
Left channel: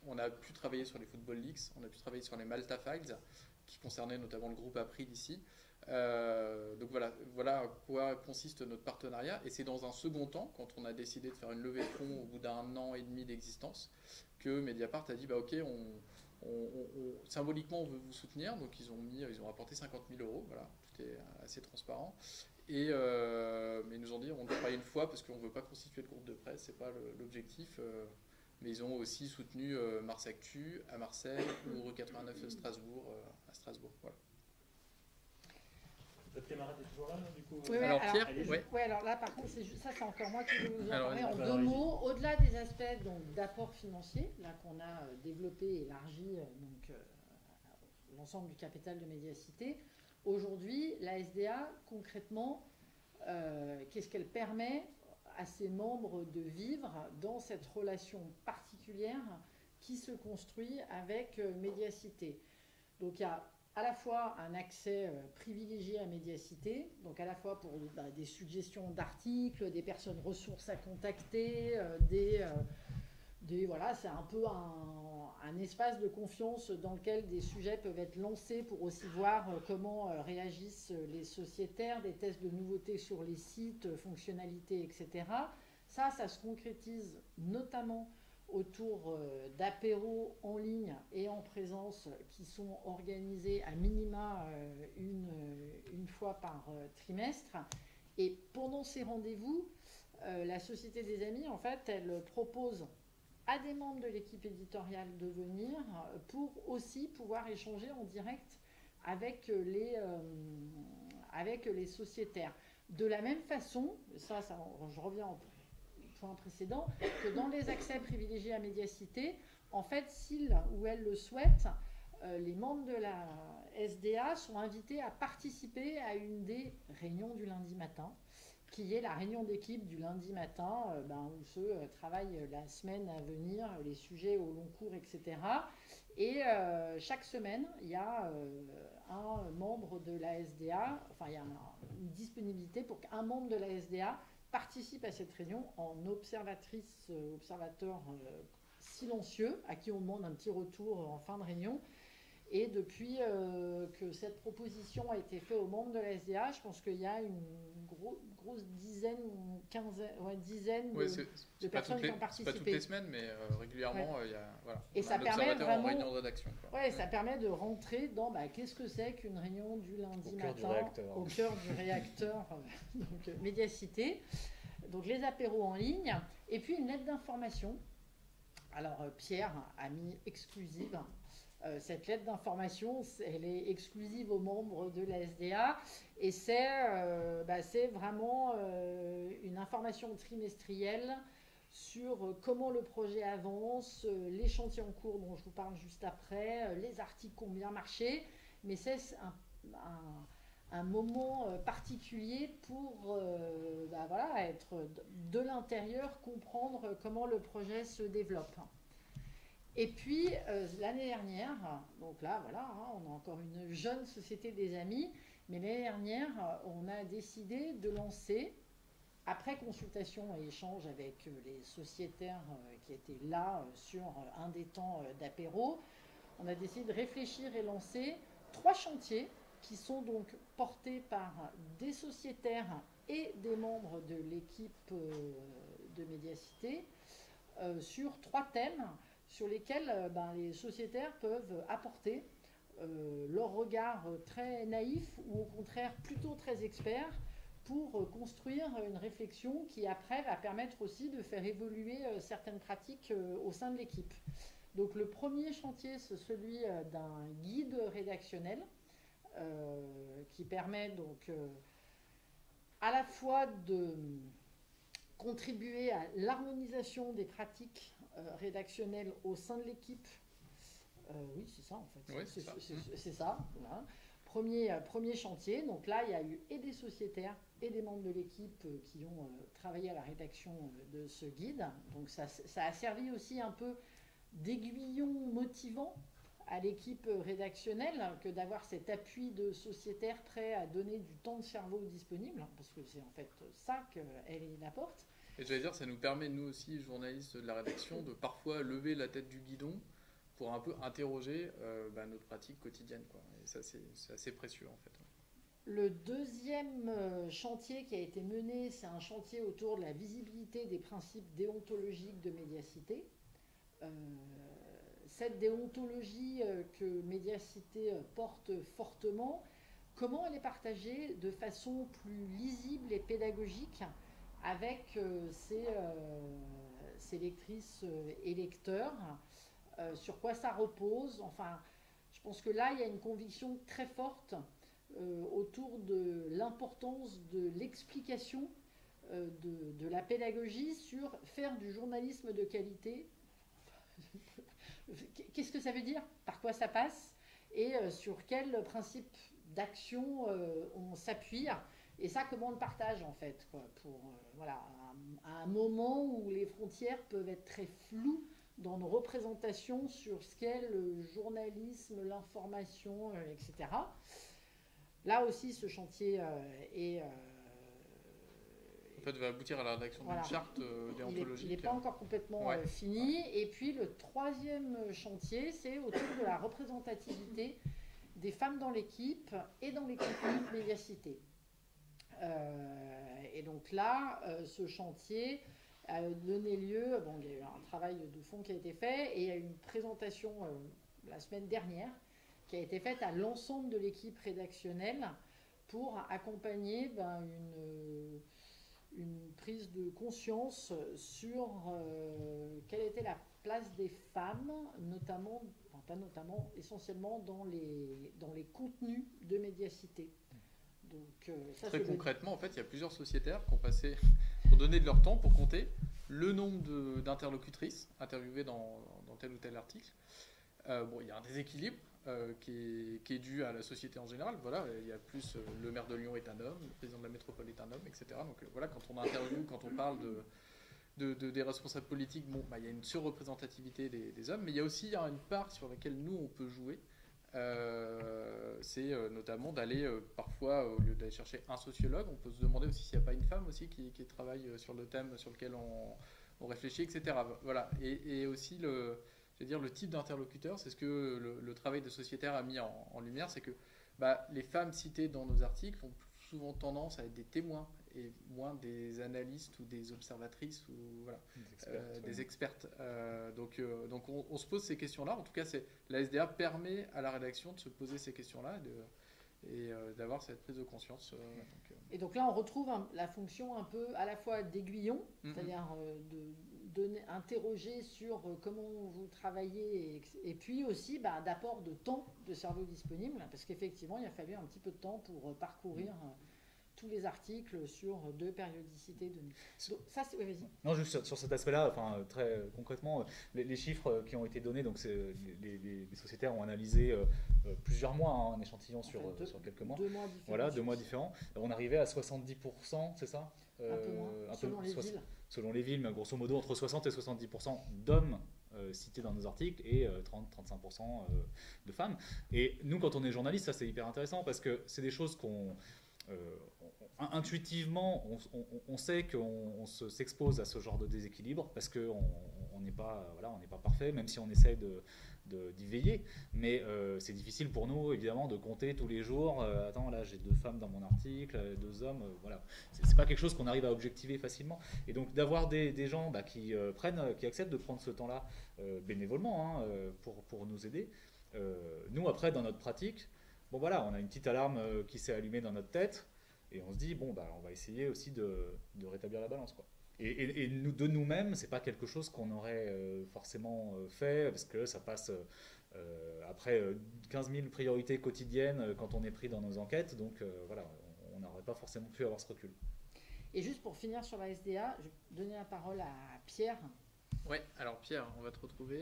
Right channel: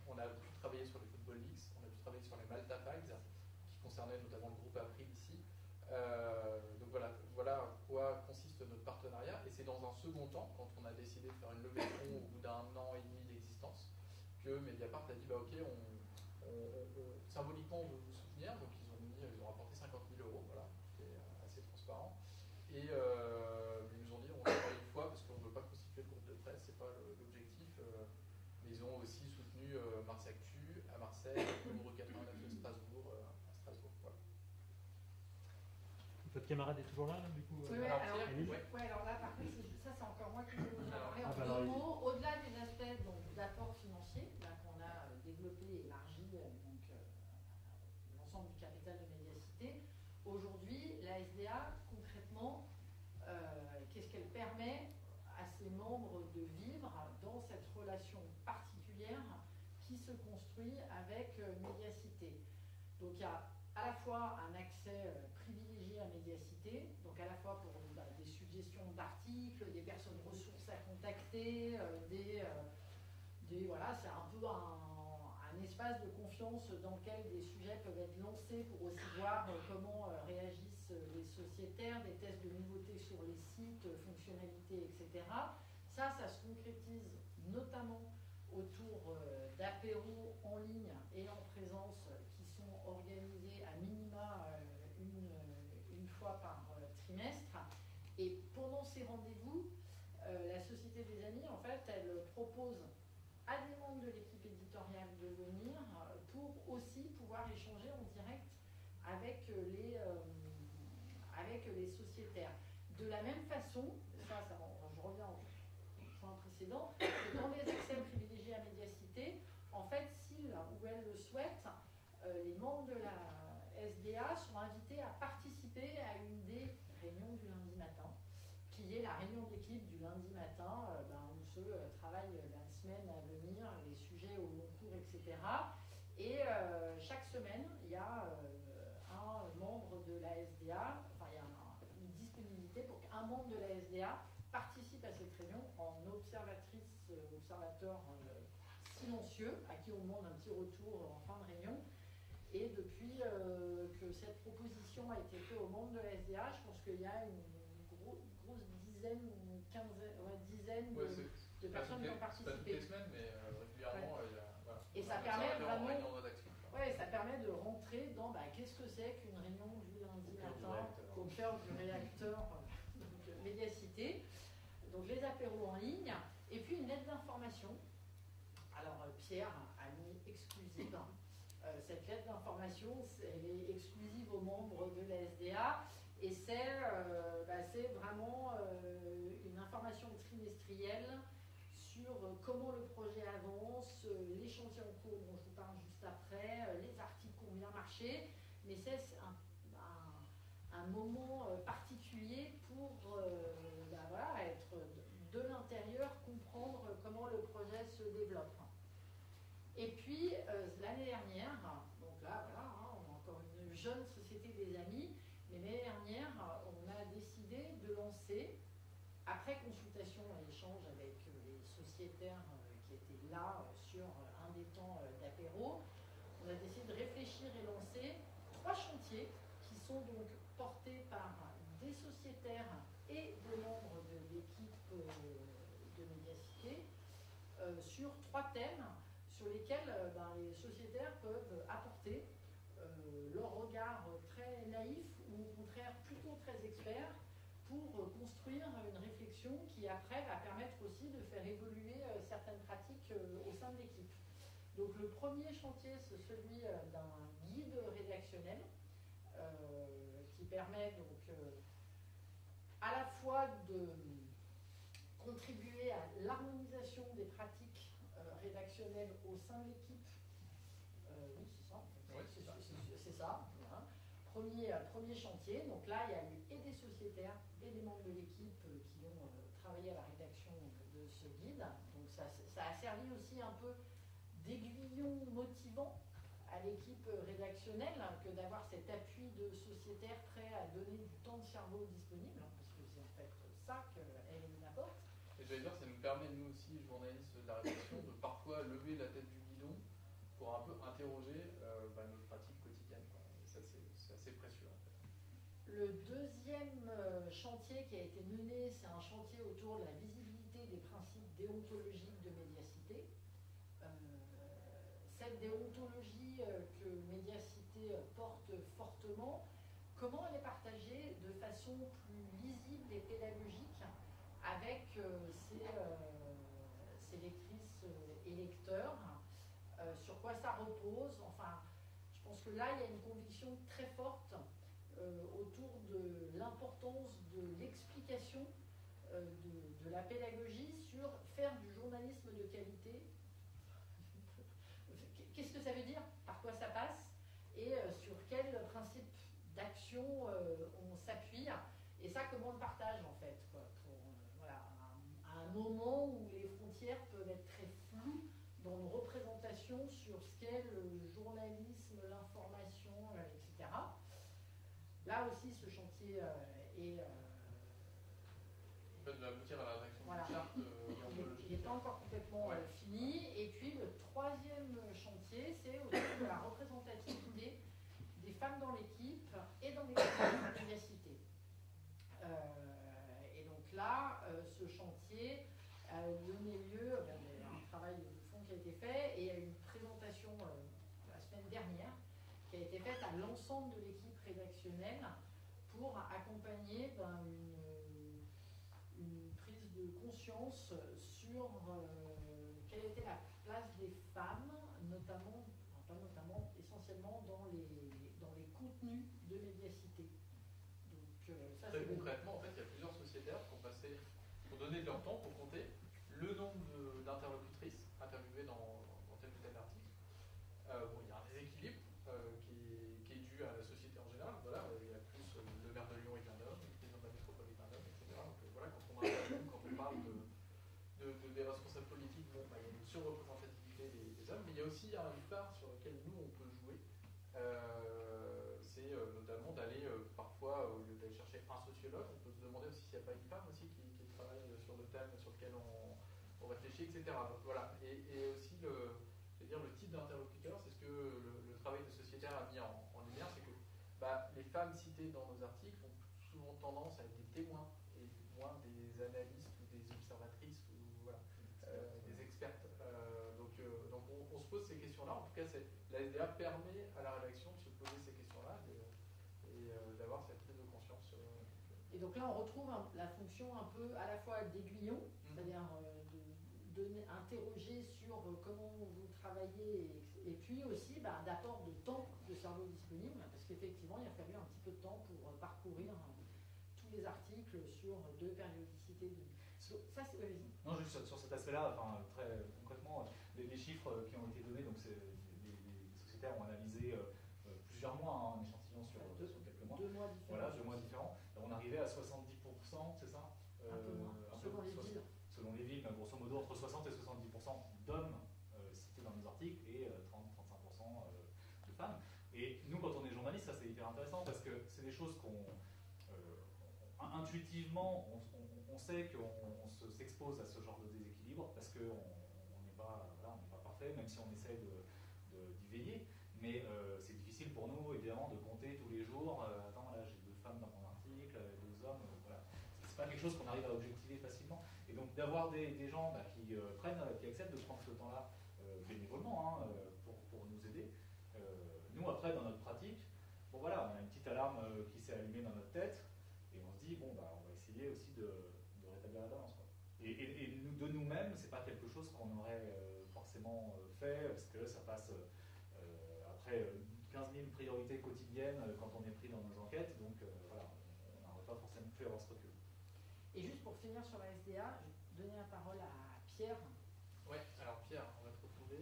on a pu travailler sur les Football Leaks, on a pu travailler sur les Malta Files qui concernaient notamment le groupe April ici. Donc voilà à quoi consiste notre partenariat, et c'est dans un second temps, quand on a décidé de faire une levée de fonds au bout d'1 an et demi d'existence, que Mediapart a dit ok, symboliquement on veut vous soutenir, donc ils ont apporté 50 000 €, voilà, tout est assez transparent. Mais ils nous ont dit on le fera une fois parce qu'on ne veut pas constituer de groupe de presse, c'est pas l'objectif. Mais ils ont aussi soutenu Mars Actu à Marseille ou Euro 89 à Strasbourg. Voilà. Votre camarade est toujours là, du coup Alors Pierre, alors là par contre, ça c'est encore moi qui vais vous en parler en 2 mots. Au-delà des aspects d'apport financier, là qu'on a développé et élargi l'ensemble du capital de Médiacité, aujourd'hui la SDA concrètement, qu'est-ce qu'elle permet à ses membres de vivre dans cette relation particulière qui se construit avec Médiacité. Donc il y a à la fois un accès privilégié à Médiacité, donc à la fois pour des suggestions d'articles, des personnes ressources à contacter, voilà, c'est un peu un espace de confiance dans lequel des sujets peuvent être lancés pour aussi voir comment réagissent les sociétaires, des tests de nouveautés sur les sites, fonctionnalités, etc. Ça se concrétise notamment autour d'apéros en ligne et en présence qui sont organisés à minima une fois par trimestre. Et pendant ces rendez-vous, la Société des Amis, en fait, elle propose à des membres de l'équipe éditoriale de venir pour aussi pouvoir échanger en direct avec les sociétaires. De la même façon, je reviens au point précédent, que dans les accès privilégiés à Médiacité, en fait, s'ils ou elles le souhaitent, les membres de la SDA sont invités à participer à une des réunions du lundi matin, qui est la réunion d'équipe du lundi matin, où se travaille la semaine à venir, les sujets au long cours, etc. Et chaque semaine, il y a un membre de la SDA, enfin il y a une disponibilité pour qu'un membre de la SDA participe à cette réunion en observateur silencieux, à qui on demande un petit retour en fin de réunion. Et depuis que cette proposition a été faite aux membres de la SDA, je pense qu'il y a une grosse dizaine de personnes qui ont participé. Pas toutes les semaines, mais régulièrement, il y a et ça permet vraiment, en réunion de rédaction. Ça permet de rentrer dans qu'est-ce que c'est qu'une réunion du lundi matin au cœur du réacteur, donc Médiacité. Donc les apéros en ligne, et puis une lettre d'information. Alors Pierre a mis exclusive. Cette lettre d'information, elle est exclusive aux membres de la SDA et c'est vraiment une information trimestrielle sur comment le projet avance, les chantiers en cours dont je vous parle juste après, les articles qui ont bien marché, mais c'est un moment particulier pour être de l'intérieur, comprendre comment le projet se développe. Et puis, l'année dernière, donc là, voilà, on a encore une jeune société des amis, mais l'année dernière, on a décidé de lancer, après consultation et échange avec les sociétaires qui étaient là sur un des temps d'apéro, on a décidé de réfléchir et lancer 3 chantiers qui sont donc portés par des sociétaires et des membres de l'équipe de Médiacité sur 3 thèmes sur lesquels les sociétaires peuvent apporter leur regard très naïf ou au contraire plutôt très expert pour construire une réflexion qui après va permettre aussi de faire évoluer certaines pratiques au sein de l'équipe. Donc le premier chantier, c'est celui d'un guide rédactionnel qui permet donc à la fois de contribuer à l'harmonisation des pratiques rédactionnelles au sein de l'équipe. Oui, c'est ça en fait. Ouais, c'est ça. Voilà. Premier chantier. Donc là, il y a eu et des sociétaires et des membres de l'équipe qui ont travaillé à la rédaction de ce guide. Donc ça a servi aussi un peu d'aiguillon motivant à l'équipe rédactionnelle que d'avoir cet appui de sociétaires prêts à donner du temps de cerveau disponible, parce que c'est en fait ça qu'elle apporte. Et je vais dire, ça nous permet, nous aussi, journalistes de la rédaction, de parfois lever la tête du guidon pour un peu interroger notre pratique quotidienne, quoi. Et ça, c'est assez précieux, en fait. Le deuxième chantier qui a été mené, c'est un chantier autour de la visibilité des principes déontologiques de Médiacité. Cette déontologie que Médiacité porte fortement, comment elle est partagée de façon plus lisible et pédagogique avec ces lectrices et lecteurs, sur quoi ça repose. Enfin, je pense que là, il y a une conviction très forte autour de l'importance de l'explication de la pédagogie sur faire du journalisme de qualité. Qu'est-ce que ça veut dire? Par quoi ça passe? Et sur quel principe d'action on s'appuie? Et ça, comment on le partage en fait, quoi, pour voilà, à un moment où les frontières peuvent être très floues dans nos représentations sur ce qu'est le journalisme, l'information, etc. Là aussi, ce chantier est... en fait, va aboutir à la rédaction d'une charte déontologique. Il n'est pas encore complètement fini. Et puis le troisième chantier, c'est autour de la représentativité des femmes dans l'équipe et dans les compagnies de médiacité. Et donc là, ce chantier a donné lieu, bon, il y a eu un travail de fond qui a été fait, et il y a eu une présentation la semaine dernière qui a été faite à l'ensemble de l'équipe rédactionnelle pour accompagner une prise de conscience sur quelle était la place des femmes, notamment, enfin pas notamment, essentiellement dans les contenus de médiacité. Donc, ça, très concrètement, en fait, il y a plusieurs sociétaires qui ont donné de leur temps pour compter le nombre d'interlocutrices interviewées dans tel ou tel article. Bon, il y a un déséquilibre qui est dû à la société en général. Voilà, il y a plus le maire de Lyon est un homme, le président de la métropole est un homme, etc. Donc voilà, quand on interviewe, quand on parle des responsables politiques, bon, il y a une surreprésentativité des hommes, mais il y a aussi une part sur laquelle nous on peut jouer. C'est notamment d'aller parfois, au lieu d'aller chercher un sociologue, on peut se demander aussi s'il n'y a pas une femme aussi qui travaille sur le thème sur lequel on réfléchit, etc. Voilà. Et aussi le type d'interlocuteur, c'est ce que le travail de sociétaire a mis en lumière, c'est que les femmes citées dans nos articles ont souvent tendance à être des témoins et moins des analystes ou des observatrices ou voilà, des expertes. Donc on se pose ces questions-là. En tout cas, la SDA permet à la rédaction de se poser ces questions-là et d'avoir cette prise de conscience. Et donc là, on retrouve la fonction un peu à la fois d'aiguillon, c'est-à-dire interroger sur comment vous travaillez et puis aussi d'apport de temps de cerveau disponible, parce qu'effectivement, il a fallu un petit peu de temps pour parcourir tous les articles sur 2 périodicités de nuit. Donc, ça, c'est... Ouais, vas-y. Non, juste sur cet aspect-là, enfin, très concrètement, les chiffres qui ont été donnés, donc les sociétaires ont analysé plusieurs mois, un échantillon sur quelques mois. 2 mois différents. Voilà, 2 mois différents. On arrivait à 70%, c'est ça? Un peu moins, selon les villes. Selon les villes, mais grosso modo, entre 60 et 70% d'hommes cités dans nos articles et 30-35% de femmes. Et nous, quand on est journaliste, ça c'est hyper intéressant parce que c'est des choses intuitivement, on sait qu'on s'expose à ce genre de déséquilibre parce qu'on n'est pas parfait, même si on essaie d'y veiller. Mais c'est difficile pour nous, évidemment, de compter tous les jours. Attends, là, j'ai 2 femmes dans mon article, 2 hommes. Voilà, c'est pas quelque chose qu'on arrive à objectiver facilement. Et donc d'avoir des gens qui acceptent de prendre ce temps-là bénévolement pour nous aider. Nous, après, dans notre pratique, bon voilà, on a une petite alarme qui s'est allumée dans notre tête. Et on se dit, bon, on va essayer aussi de rétablir la balance, quoi. Et de nous-mêmes, c'est pas quelque chose qu'on aurait forcément fait, parce que ça passe après 15 000 priorités quotidiennes quand on est pris dans nos enquêtes. Donc voilà, on n'aurait pas forcément pu avoir ce recul. Et juste pour finir sur la SDA, je vais donner la parole à Pierre. Oui, alors Pierre, on va te retrouver.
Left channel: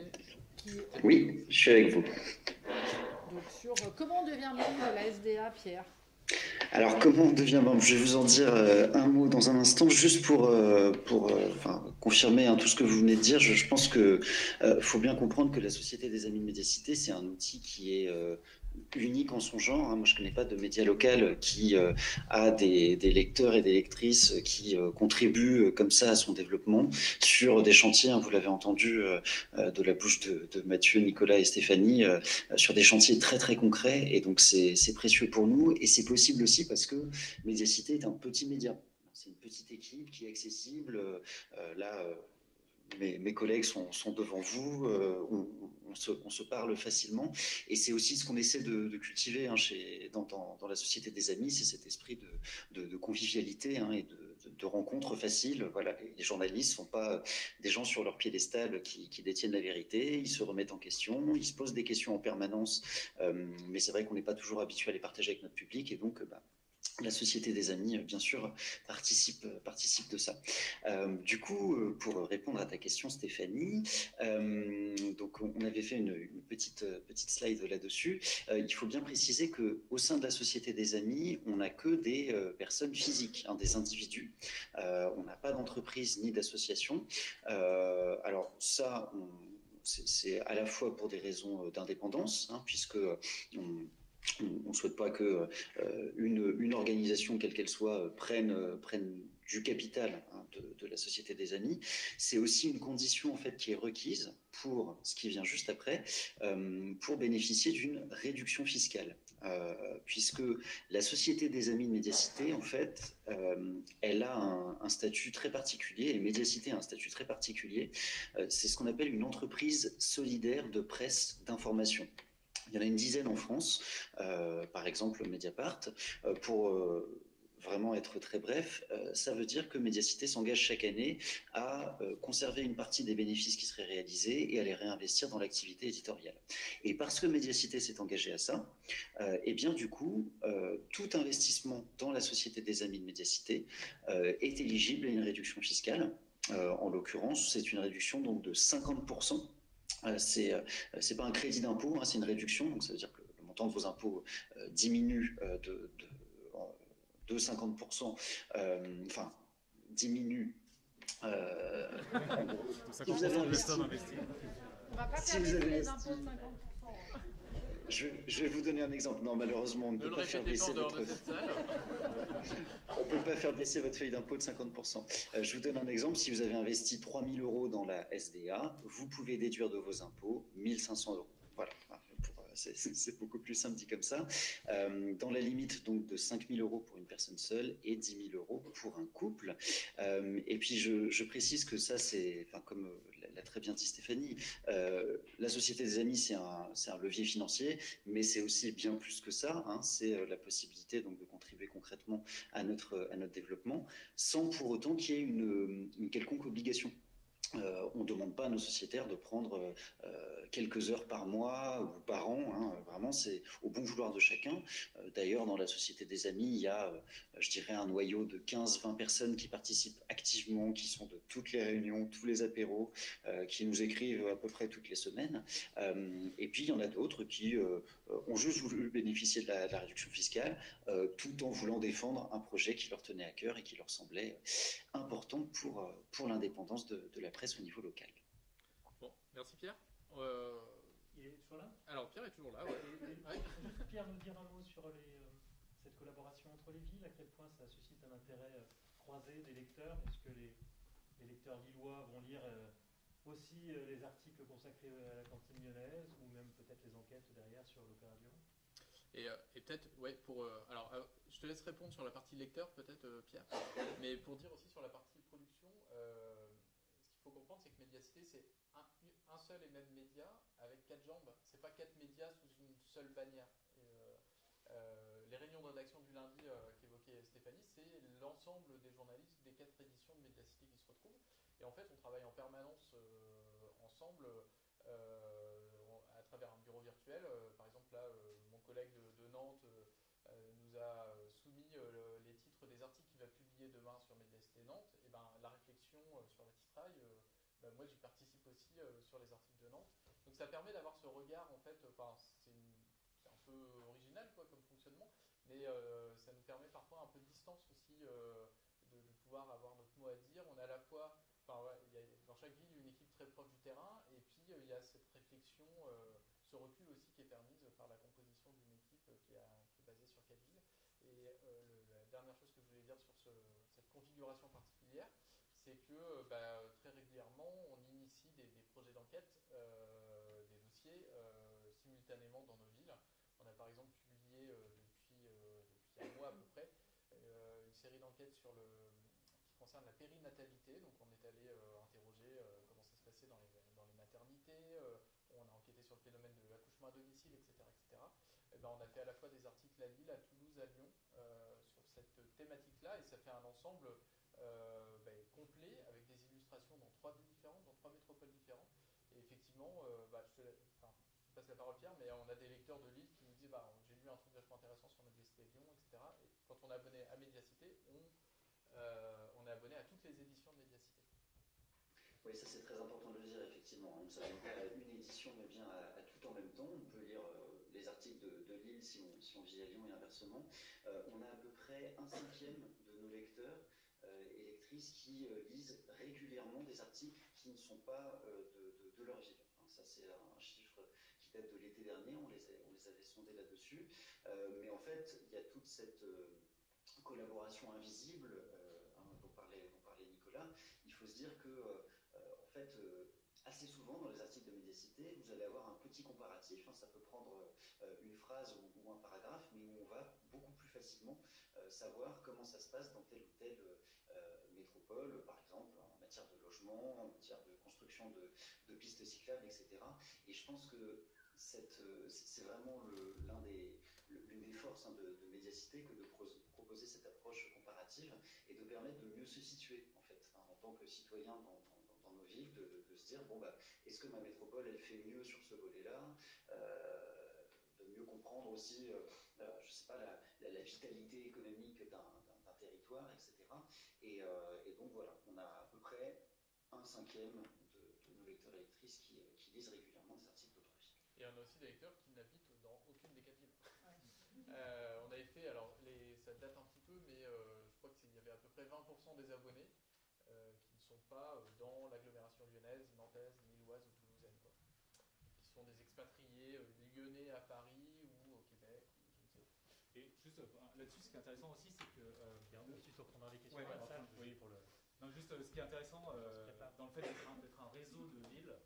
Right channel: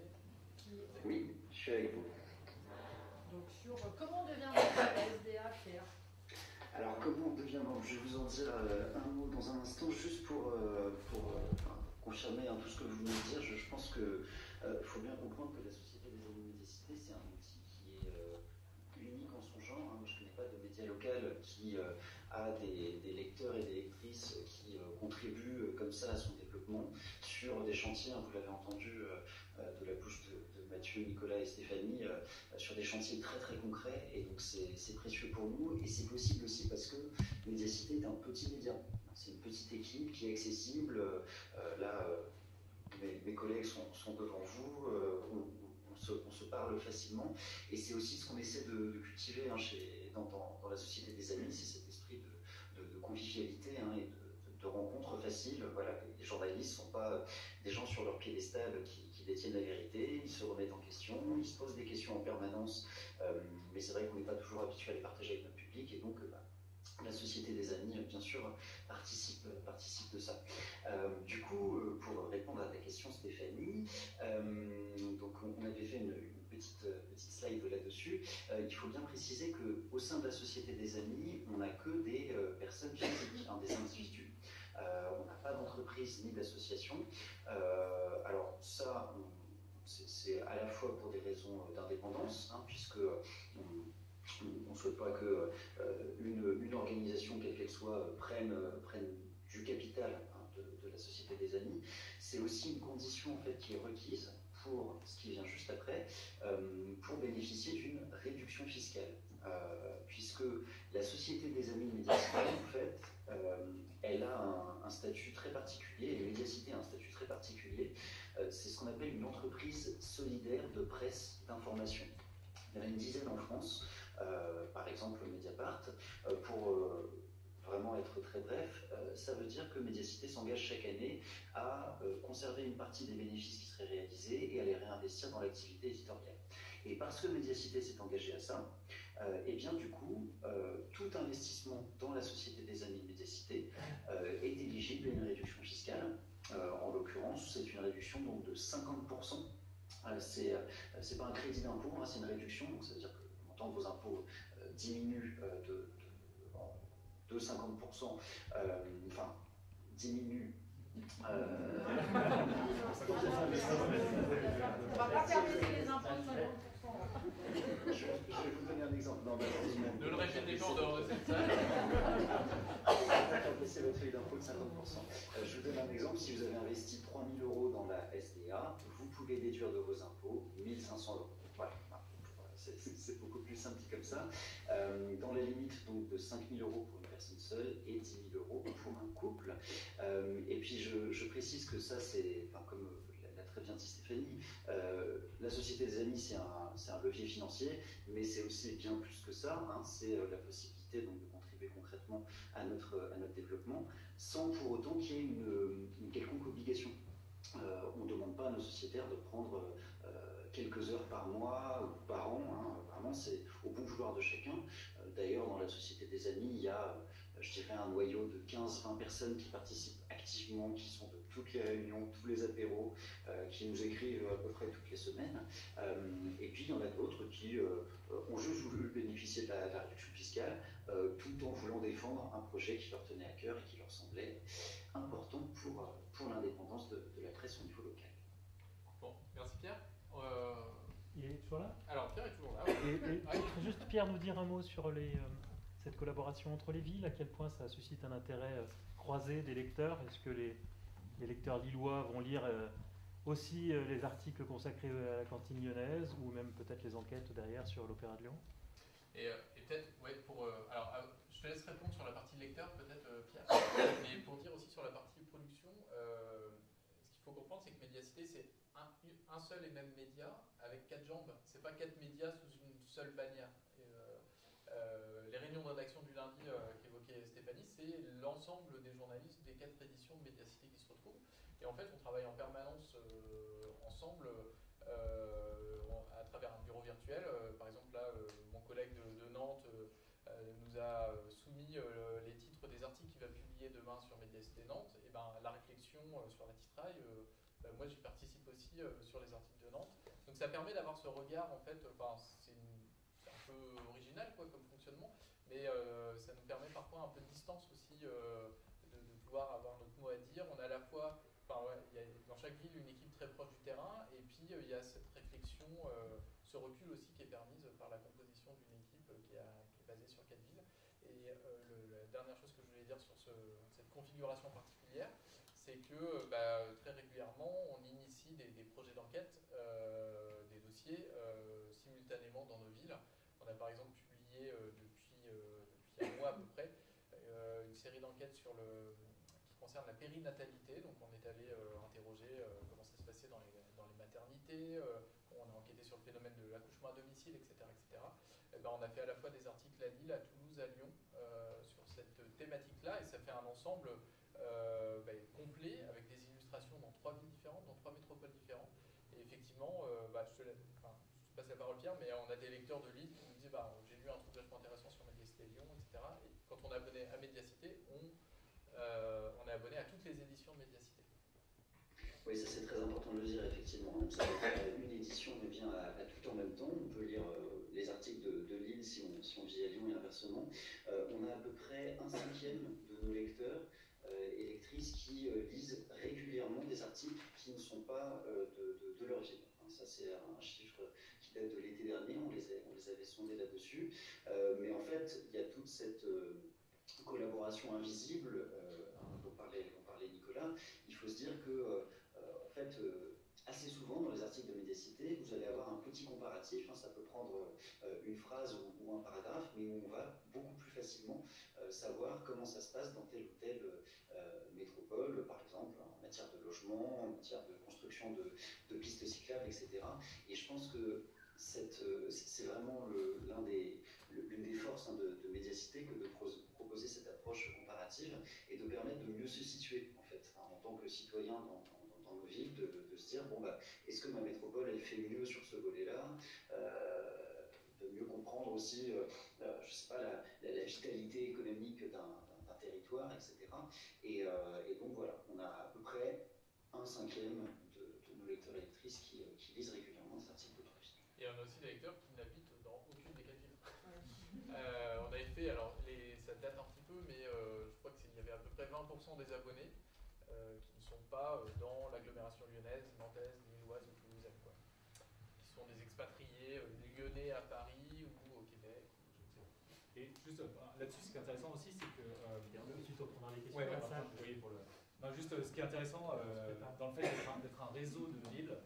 Oui, je suis avec vous. Donc sur comment on devient membre de la SDA, Pierre? Alors, comment on devient membre? Je vais vous en dire un mot dans un instant, juste pour confirmer tout ce que vous venez de dire. Je pense qu'il faut bien comprendre que la Société des Amis de Médiacité, c'est un outil qui est unique en son genre. Moi, je ne connais pas de média local qui a des lecteurs et des lectrices qui contribuent comme ça à son développement sur des chantiers, vous l'avez entendu de la bouche de Mathieu, Nicolas et Stéphanie, sur des chantiers très très concrets. Et donc, c'est précieux pour nous. Et c'est possible aussi parce que Médiacité est un petit média. C'est une petite équipe qui est accessible. Là, mes collègues sont devant vous. On on se parle facilement. Et c'est aussi ce qu'on essaie de cultiver hein, dans la Société des Amis, c'est cet esprit de convivialité hein, et de rencontres faciles. Voilà, les journalistes ne sont pas des gens sur leur piédestal qui détiennent la vérité, ils se remettent en question, ils se posent des questions en permanence, mais c'est vrai qu'on n'est pas toujours habitué à les partager avec notre public, et donc la Société des Amis, bien sûr, participe de ça. Du coup, pour répondre à ta question, Stéphanie, donc on avait fait une petite slide là-dessus. Il faut bien préciser qu'au sein de la Société des Amis, on n'a que des personnes physiques, hein, des individus. On n'a pas d'entreprise ni d'association. Alors ça, c'est à la fois pour des raisons d'indépendance, hein, puisque on ne souhaite pas que une organisation, quelle qu'elle soit, prenne du capital hein, de la Société des Amis. C'est aussi une condition en fait, qui est requise pour ce qui vient juste après, pour bénéficier d'une réduction fiscale. Puisque la Société des Amis de Médiacité, en fait, elle a un statut très particulier, et Médiacité a un statut très particulier. C'est ce qu'on appelle une entreprise solidaire de presse d'information. Il y en a une dizaine en France, par exemple Mediapart. Pour vraiment être très bref, ça veut dire que Médiacité s'engage chaque année à conserver une partie des bénéfices qui seraient réalisés et à les réinvestir dans l'activité éditoriale. Et parce que Médiacité s'est engagée à ça, et bien du coup, tout investissement dans la Société des Amis de Médiacité est éligible à une réduction fiscale. En l'occurrence, c'est une réduction donc, de 50%. C'est pas un crédit d'impôt, hein, c'est une réduction, donc ça veut dire que le montant de vos impôts diminue de 50%, enfin diminue. Si vous avez investi. On va pas faire baisser les impôts de 50%. Je vais vous donner un exemple. Non, malheureusement, on ne peut pas faire baisser votre feuille d'impôt de 50%. Je vous donne un exemple. Si vous avez investi 3 000 € dans la SDA, vous pouvez déduire de vos impôts 1 500 €. Voilà. C'est beaucoup plus simple dit comme ça. Dans la limite donc, de 5 000 € pour une personne seule et 10 000 € pour un couple. Et puis je précise que ça, c'est, enfin, comme l'a très bien dit Stéphanie, la Société des Amis, c'est un levier financier, mais c'est aussi bien plus que ça. Hein, c'est la possibilité donc, de contribuer concrètement à notre développement, sans pour autant qu'il y ait une quelconque obligation. On ne demande pas à nos sociétaires de prendre quelques heures par mois ou par an. Hein. Vraiment, c'est au bon vouloir de chacun. D'ailleurs, dans la Société des Amis, il y a, je dirais, un noyau de 15-20 personnes qui participent activement, qui sont de toutes les réunions, tous les apéros, qui nous écrivent à peu près toutes les semaines. Et puis, il y en a d'autres qui ont juste voulu bénéficier de la réduction fiscale, tout en voulant défendre un projet qui leur tenait à cœur et qui leur semblait important pour l'indépendance de la presse au niveau local. Bon, merci Pierre. Il est toujours là? Alors Pierre est toujours là. Juste Pierre nous dire un mot sur cette collaboration entre les villes, à quel point ça suscite un intérêt croisé des lecteurs. Est-ce que les lecteurs lillois vont lire aussi les articles consacrés à la cantine lyonnaise ou même peut-être les enquêtes derrière sur l'Opéra de Lyon? Et peut-être, ouais, alors, je te laisse répondre sur la partie lecteur, peut-être, Pierre, mais pour dire aussi sur la partie production, ce qu'il faut comprendre, c'est que Médiacité, c'est un seul et même média avec 4 jambes. C'est pas 4 médias sous une seule bannière. Les réunions de rédaction du lundi qu'évoquait Stéphanie, c'est l'ensemble des journalistes des 4 éditions de Médiacité qui se retrouvent. Et en fait, on travaille en permanence ensemble à travers un bureau virtuel. Par exemple, là, mon collègue de Nantes nous a soumis les titres des articles qu'il va publier demain sur Médiacité Nantes. Et ben, la réflexion sur la titraille, moi j'y participe aussi sur les articles de Nantes. Donc ça permet d'avoir ce regard, en fait, c'est un peu original quoi, comme fonctionnement, mais ça nous permet parfois un peu de distance aussi de pouvoir avoir notre mot à dire. On a à la fois, il y a dans chaque ville une équipe très proche du terrain, et puis il y a cette réflexion, ce recul aussi qui est permise par la composition d'une équipe qui est basée sur 4 villes. Et la dernière chose que je voulais dire sur cette configuration particulière, c'est que très régulièrement, on initie des projets d'enquête, des dossiers simultanément dans nos villes. On a par exemple publié depuis un mois à peu près une série d'enquêtes qui concerne la périnatalité. Donc on est allé interroger comment ça se passait dans les maternités. On a enquêté sur sur le phénomène de l'accouchement à domicile, etc., etc., eh ben, on a fait à la fois des articles à Lille, à Toulouse, à Lyon sur cette thématique-là, et ça fait un ensemble complet avec des illustrations dans 3 villes différentes, dans 3 métropoles différentes. Et effectivement, je te passe la parole Pierre, mais on a des lecteurs de Lille qui nous disent j'ai lu un truc vachement intéressant sur Médiacité Lyon, etc. Et quand on est abonné à Médiacité, on est abonné à toutes les éditions de Médiacité. Oui, ça c'est très important de le dire, effectivement. On savait faire une édition, mais bien à tout en même temps. On peut lire les articles de Lille si on vit à Lyon et inversement. On a à peu près 1/5 de nos lecteurs et lectrices qui lisent régulièrement des articles qui ne sont pas de leur ville. Ça c'est un chiffre qui date de l'été dernier, on les avait sondés là-dessus. Mais en fait, il y a toute cette collaboration invisible dont parlait Nicolas. Il faut se dire que assez souvent dans les articles de Médiacité, vous allez avoir un petit comparatif, ça peut prendre une phrase ou un paragraphe, mais on va beaucoup plus facilement savoir comment ça se passe dans telle ou telle métropole, par exemple en matière de logement, en matière de construction de pistes cyclables, etc. Et je pense que c'est vraiment l'une des forces de Médiacité que de proposer cette approche comparative et de permettre de mieux se situer en fait, en tant que citoyen dans nos villes, de se dire est-ce que ma métropole elle fait mieux sur ce volet-là, de mieux comprendre aussi je sais pas, la vitalité économique d'un territoire, etc. Et donc voilà, on a à peu près 1/5 de nos lecteurs et lectrices qui lisent régulièrement des articles d'autres villes. Et on a aussi des lecteurs qui n'habitent dans aucune des 4 villes. On avait fait, alors ça date un petit peu, mais je crois qu'il y avait à peu près 20% des abonnés qui ne sont pas dans l'agglomération lyonnaise, nantaise, lilloise ou toulousaine, quoi. Qui sont des expatriés lyonnais à Paris ou au Québec, je ne sais pas. Et juste là-dessus, ce qui est intéressant aussi, c'est que... ensuite, on prendra les questions. Ouais, juste ce qui est intéressant dans le fait d'être un réseau de villes,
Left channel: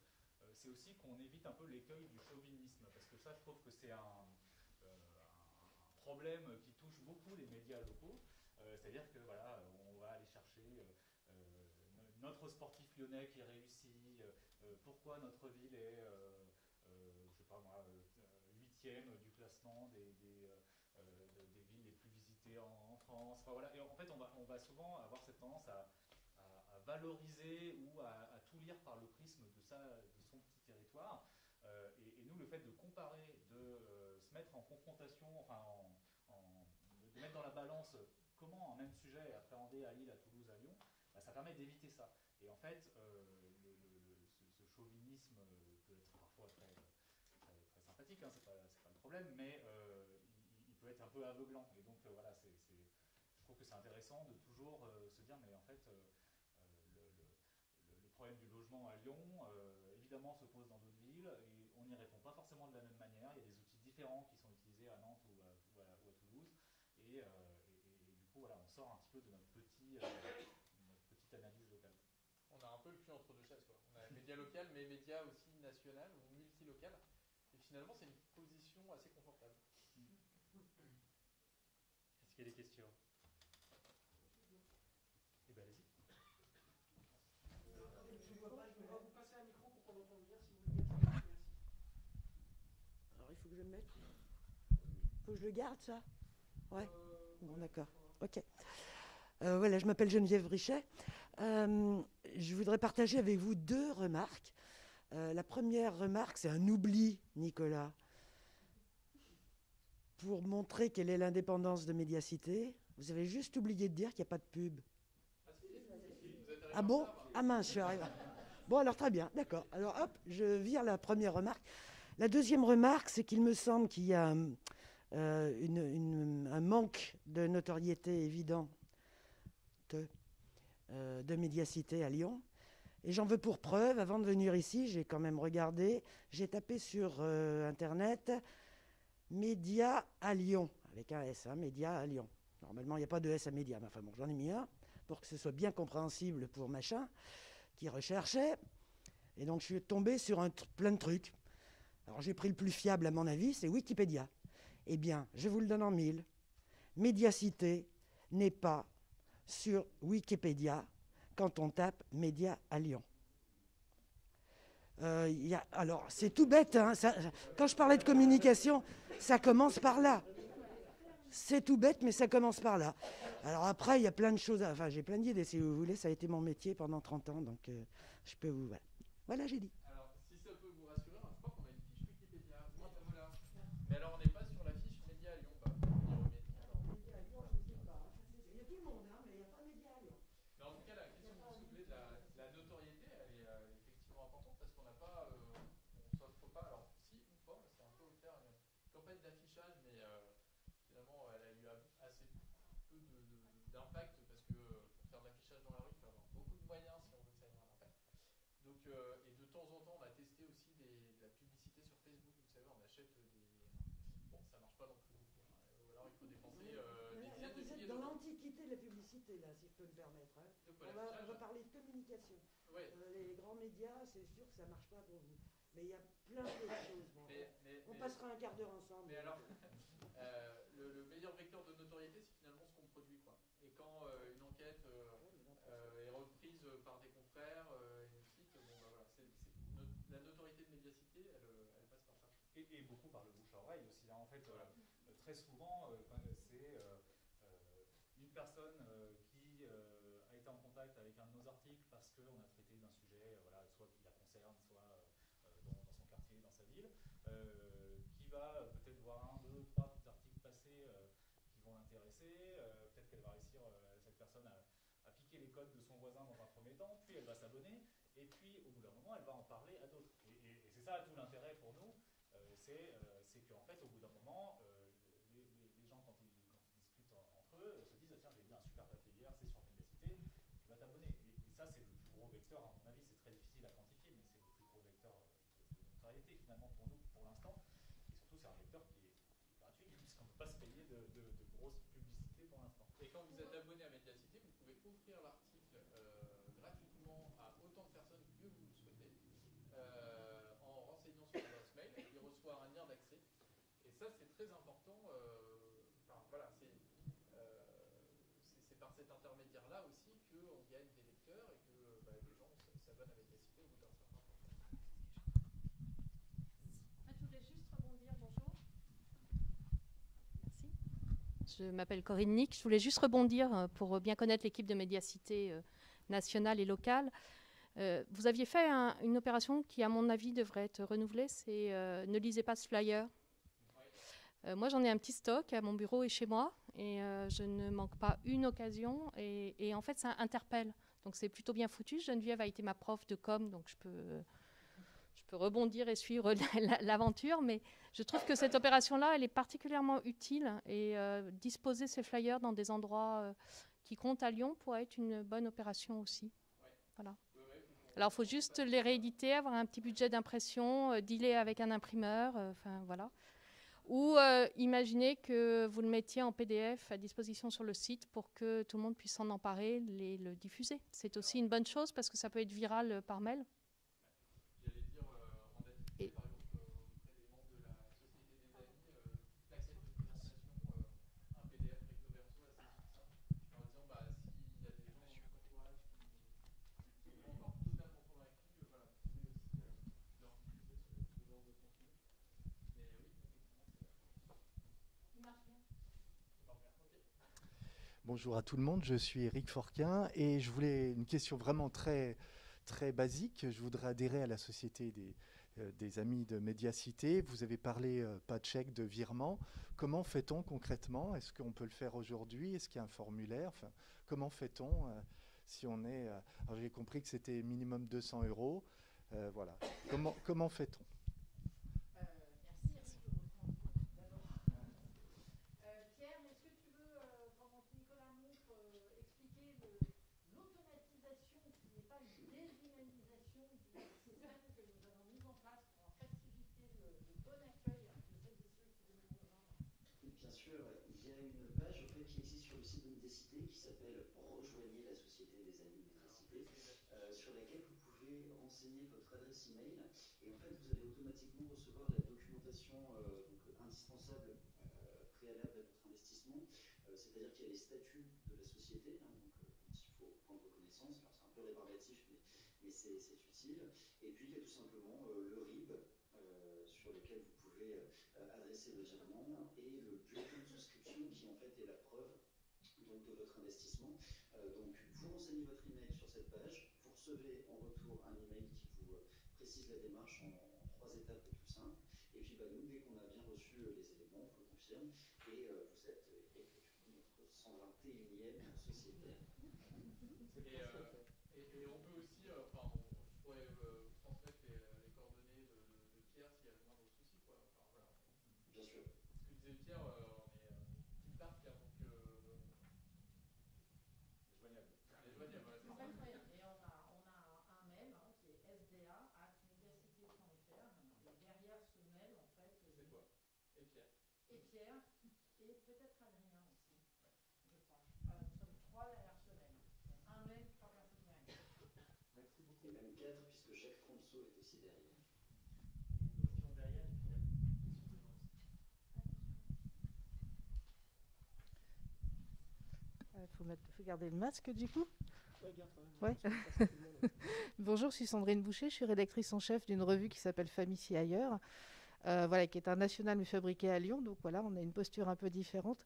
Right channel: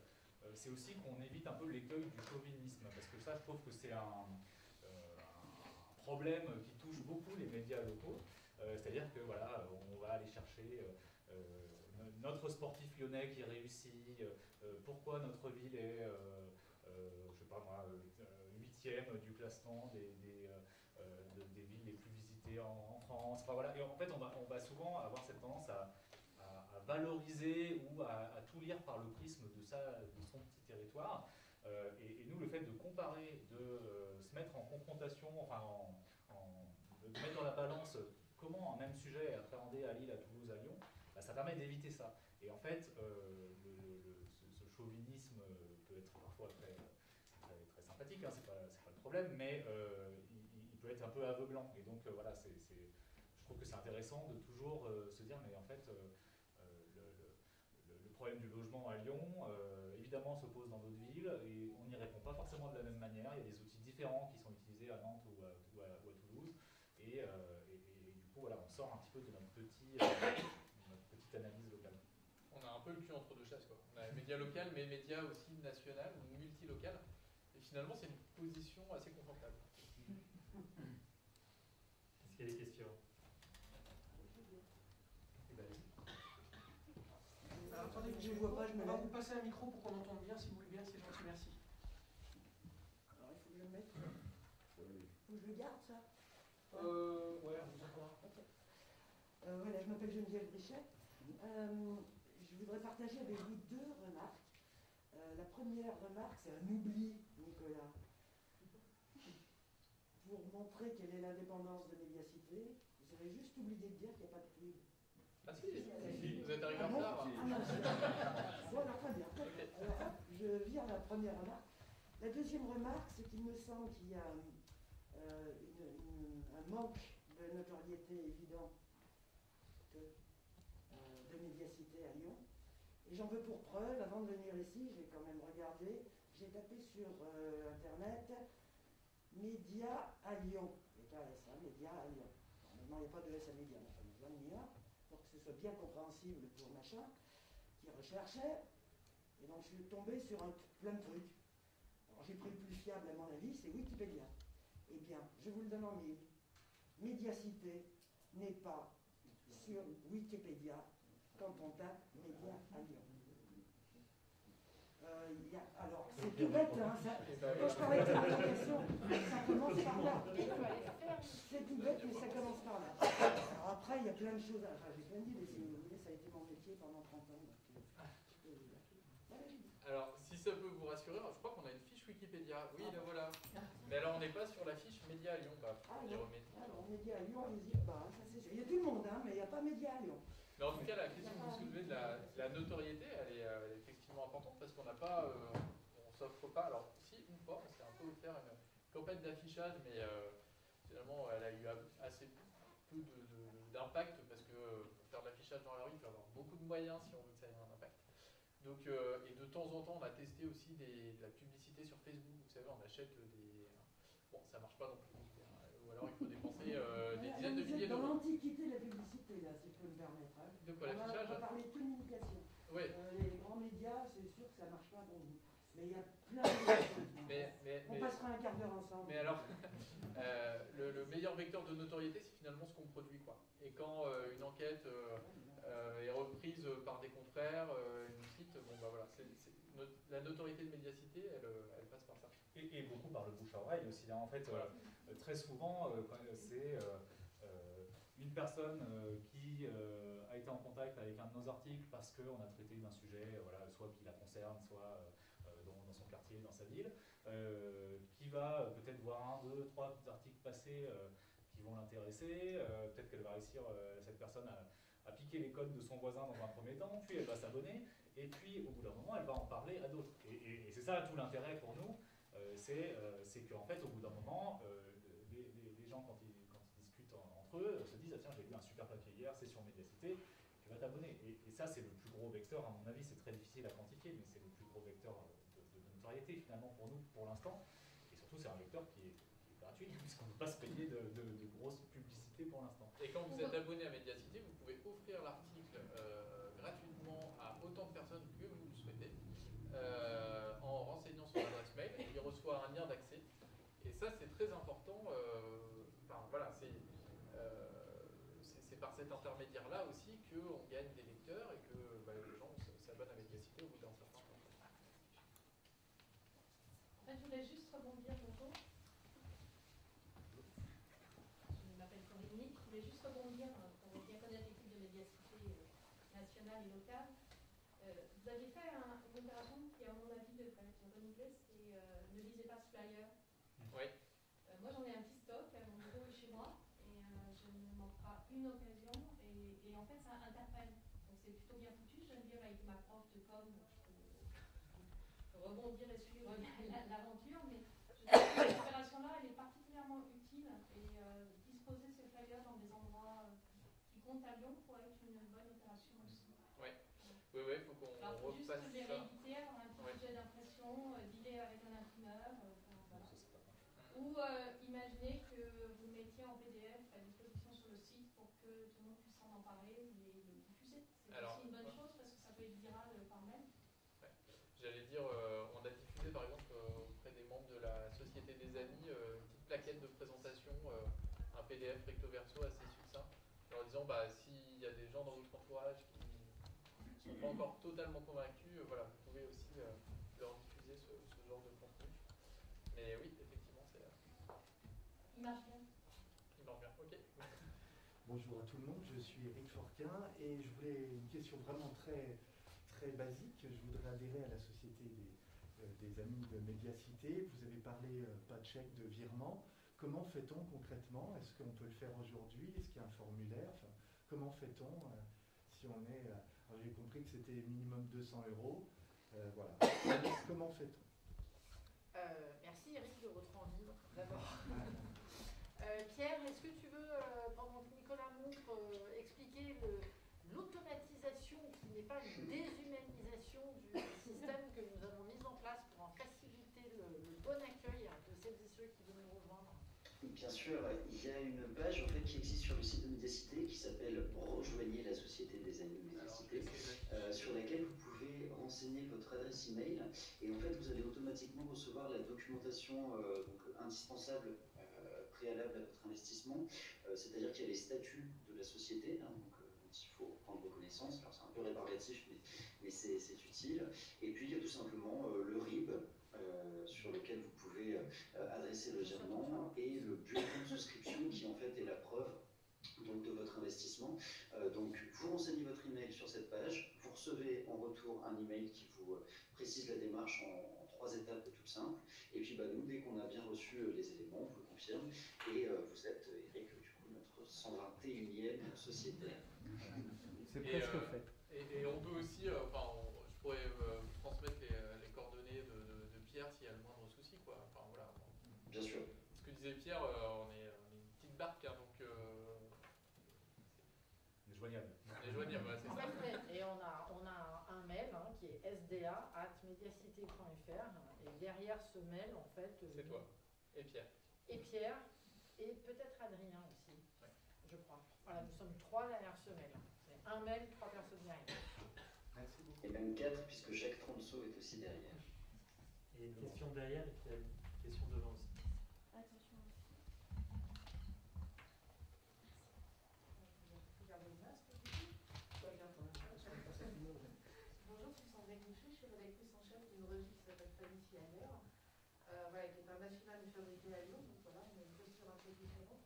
c'est aussi qu'on évite un peu l'écueil du chauvinisme. Parce que ça, je trouve que c'est un problème qui touche beaucoup les médias locaux. C'est-à-dire que voilà, on va aller chercher notre sportif lyonnais qui réussit, pourquoi notre ville est, je sais pas moi, 8e du classement des villes les plus visitées en France. Enfin, voilà. Et en fait, on va souvent avoir cette tendance à valoriser ou à tout lire par le prisme de son petit territoire. Et nous, le fait de comparer, de se mettre en confrontation, de mettre dans la balance comment un même sujet est appréhendé à Lille, à Toulouse, à Lyon, ça permet d'éviter ça. Et en fait, ce chauvinisme peut être parfois très sympathique, c'est pas le problème, mais il peut être un peu aveuglant. Et donc voilà, je trouve que c'est intéressant de toujours se dire, mais en fait, le problème du logement à Lyon, évidemment, se pose dans d'autres villes, et on n'y répond pas forcément de la même manière. Il y a des outils différents qui sont utilisés à Nantes ou à Toulouse, et du coup, voilà, on sort un petit peu de notre petite analyse locale. On a un peu le cul entre deux chaises, quoi. On a les médias locaux, mais les médias aussi nationales ou multilocales. Et finalement, c'est une position assez confortable. Est-ce qu'il y a des questions? Alors, attendez, je ne vois pas, on va vous passer un micro pour qu'on entende bien, si vous voulez bien, c'est gentil, merci. Alors, il faut que je le mette. Faut que je le garde, ça? Ouais. D'accord. Ok. Voilà, je m'appelle Geneviève Richet. Je voudrais partager avec vous 2 remarques. La première remarque, c'est un oubli, Nicolas. Pour montrer quelle est l'indépendance de Médiacité, vous avez juste oublié de dire qu'il n'y a pas de pub. Ah si, vous êtes arrivé Ah bon? en retard. Ah mince, je suis arrivé. Bon, alors très bien, d'accord. Alors hop, je vire la première remarque. La deuxième remarque, c'est qu'il me semble qu'il y a un manque de notoriété évident de Médiacité à Lyon. Et j'en veux pour preuve, avant de venir ici, j'ai quand même regardé, j'ai tapé sur Internet Média à Lyon, avec un S, Média à Lyon. Normalement, il n'y a pas de S à Média, mais enfin bon, j'en ai mis un, pour que ce soit bien compréhensible pour machin, qui recherchait. Et donc, je suis tombé sur plein de trucs. Alors, j'ai pris le plus fiable, à mon avis, c'est Wikipédia. Eh bien, je vous le donne en 1000. Médiacité n'est pas sur Wikipédia quand on tape Média à Lyon. Alors, c'est tout bête, hein, quand je parlais de communication, ça commence par là. C'est tout bête, mais ça commence par là. Alors après, il y a plein de choses, enfin j'ai plein d'idées si vous voulez, ça a été mon métier pendant 30 ans, donc je peux vous... Voilà, j'ai dit. Alors, si ça peut vous rassurer, je crois qu'on a une fiche Wikipédia. Oui, la voilà. Mais alors, on n'est pas sur la fiche Média à Lyon, on y remet. Alors, Média à Lyon, n'hésite pas, ça c'est sûr. Il y a du monde, hein, mais il n'y a pas Média à Lyon. Mais en tout cas, la question que vous soulevez de la notoriété, elle est effectivement importante parce qu'on n'a pas, on s'offre pas. Alors, si, une fois, on s'est un peu offert une campagne d'affichage, mais finalement, elle a eu assez peu d'impact parce que faire de l'affichage dans la rue, il faut avoir beaucoup de moyens si on veut que ça ait un impact. Donc, et de temps en temps, on a testé aussi de la publicité sur Facebook. Vous savez, on achète des. Bon, ça marche pas non plus. Ou alors, il faut dépenser des dizaines de milliers Dans d'euros. l'antiquité de la publicité, là, si je peux me permettre. Hein. De quoi, On l'affichage va parler de communication. Ouais. Les grands médias, c'est sûr que ça ne marche pas pour vous. Mais il y a plein de choses. On passera un quart d'heure ensemble. Mais alors, le meilleur vecteur de notoriété, c'est finalement ce qu'on produit, quoi. Et quand une enquête est reprise par des confrères, une site, bon bah voilà, la notoriété de médiacité, elle passe par ça. Et beaucoup par le bouche à oreille aussi. Hein. En fait, très souvent, c'est une personne qui a été en contact avec un de nos articles parce qu'on a traité d'un sujet, voilà, soit qui la concerne, soit dans son quartier, dans sa ville, qui va peut-être voir un, deux, trois articles passés qui vont l'intéresser. Peut-être qu'elle va réussir, cette personne, à piquer les codes de son voisin dans un premier temps, puis elle va s'abonner, et puis au bout d'un moment, elle va en parler à d'autres. Et c'est ça tout l'intérêt pour nous, c'est qu'en fait, au bout d'un moment, les gens, quand ils discutent entre eux, se disent « Ah tiens, j'ai lu un super papier hier, c'est sur Médiacité, tu vas t'abonner ». Et ça, c'est le plus gros vecteur, à mon avis, c'est très difficile à quantifier, mais c'est le plus gros vecteur de notoriété, finalement, pour nous, pour l'instant. Et surtout, c'est un vecteur qui est gratuit, puisqu'on ne peut pas se payer de grosses publicités pour l'instant. Et quand vous êtes abonné à Médiacité, vous pouvez offrir l'article gratuitement à autant de personnes que vous le souhaitez, en renseignant son adresse mail, et il reçoit un lien d'accès. Et ça, c'est très important. Enfin, voilà, c'est par cet intermédiaire-là aussi qu'on gagne des lecteurs et que les gens s'abonnent à Médiacité au bout d'un certain temps. Je voulais juste rebondir, bonjour. Je m'appelle Corinne Nick. Je voulais juste rebondir pour bien connaître l'équipe de Médiacité nationale et locale. Vous aviez fait une opération qui, à mon avis, devrait être renouvelée, c'est ne lisez pas ce flyer. Oui. Moi, j'en ai un petit stock à mon bureau et chez moi, et je ne manque pas une occasion, et en fait, ça interpelle. Donc, c'est plutôt bien foutu. Geneviève a été ma prof de com, donc je peux rebondir et suivre l'aventure, mais je trouve que cette opération-là, elle est particulièrement utile, et disposer ces flyers dans des endroits qui comptent à Lyon pourrait être une bonne opération aussi. Ouais. Voilà. Oui, alors, il faut juste les rééditer, avoir un petit budget d'impression, dealer avec un imprimeur, enfin voilà. Ou imaginez que vous le mettiez en PDF à disposition sur le site pour que tout le monde puisse s'en emparer, le diffuser. C'est aussi une bonne chose parce que ça peut être viral par mail. Ouais. J'allais dire, on a diffusé par exemple auprès des membres de la Société des Amis une petite plaquette de présentation, un PDF recto verso assez succinct, en disant s'il y a des gens dans votre entourage qui ne sont pas encore totalement convaincus, voilà, vous pouvez aussi leur diffuser ce genre de contenu. Mais oui, effectivement, c'est. Il marche bien. Il marche bien, ok. Bonjour à tout le monde, je suis Eric Forquin et je voulais une question vraiment très, très basique. Je voudrais adhérer à la Société des Amis de Médiacité. Vous avez parlé pas de chèque, de virement. Comment fait-on concrètement? Est-ce qu'on peut le faire aujourd'hui? Est-ce qu'il y a un formulaire? Enfin, comment fait-on si on est... alors j'ai compris que c'était minimum 200 €. Voilà. Comment fait-on? Merci Eric de votre envie d'abord. Pierre, est-ce que tu veux, pendant que Nicolas montre, expliquer l'automatisation qui n'est pas une déshumanisation du système que nous avons mis en place pour en faciliter le bon accueil de celles et ceux qui viennent nous rejoindre? Bien sûr, il y a une page en fait, qui existe sur le site de Médiacité qui s'appelle Rejoignez la Société des Amis de Médiacité, sur laquelle vous pouvez renseigner votre adresse email et en fait vous allez automatiquement recevoir la documentation donc, indispensable préalable à votre investissement, c'est-à-dire qu'il y a les statuts de la société, hein, donc, dont il faut prendre connaissance. Alors c'est un peu rébarbatif, mais mais c'est utile. Et puis il y a tout simplement le RIB, sur lequel vous pouvez adresser le virement, et le bulletin de souscription qui en fait est la preuve donc, de votre investissement. Donc vous renseignez votre email sur cette page, vous recevez en retour un email qui vous précise la démarche en 3 étapes toutes simples, et puis nous, dès qu'on a bien reçu les éléments, on vous le confirme, et vous êtes, Eric, du coup, notre 121e sociétaire. C'est presque fait. Et on peut aussi, je pourrais transmettre les coordonnées de Pierre s'il y a le moindre souci, quoi. Enfin, voilà. Bien sûr. Ce que disait Pierre, on est une petite barque, hein, donc... On est joignable. On est joignable, ouais, c'est ça. Et on a un mail qui est sda@mediacité.fr, et derrière ce mail, en fait... c'est toi. Et Pierre. Et Pierre, et peut-être Adrien aussi, ouais. Je crois. Voilà, nous sommes 3 derrière ce mail. C'est un mail, 3 personnes derrière. Merci beaucoup. Et même 4, puisque Jacques Tronceau est aussi derrière. Et une question derrière, et puis une question devant aussi. Faut garder le masque du coup. Ouais. Bonjour, je suis Sandrine Boucher, je suis rédactrice en chef d'une revue qui s'appelle Femmes ici ailleurs, qui est un national mais fabriqué à Lyon, donc voilà, on a une posture un peu différente.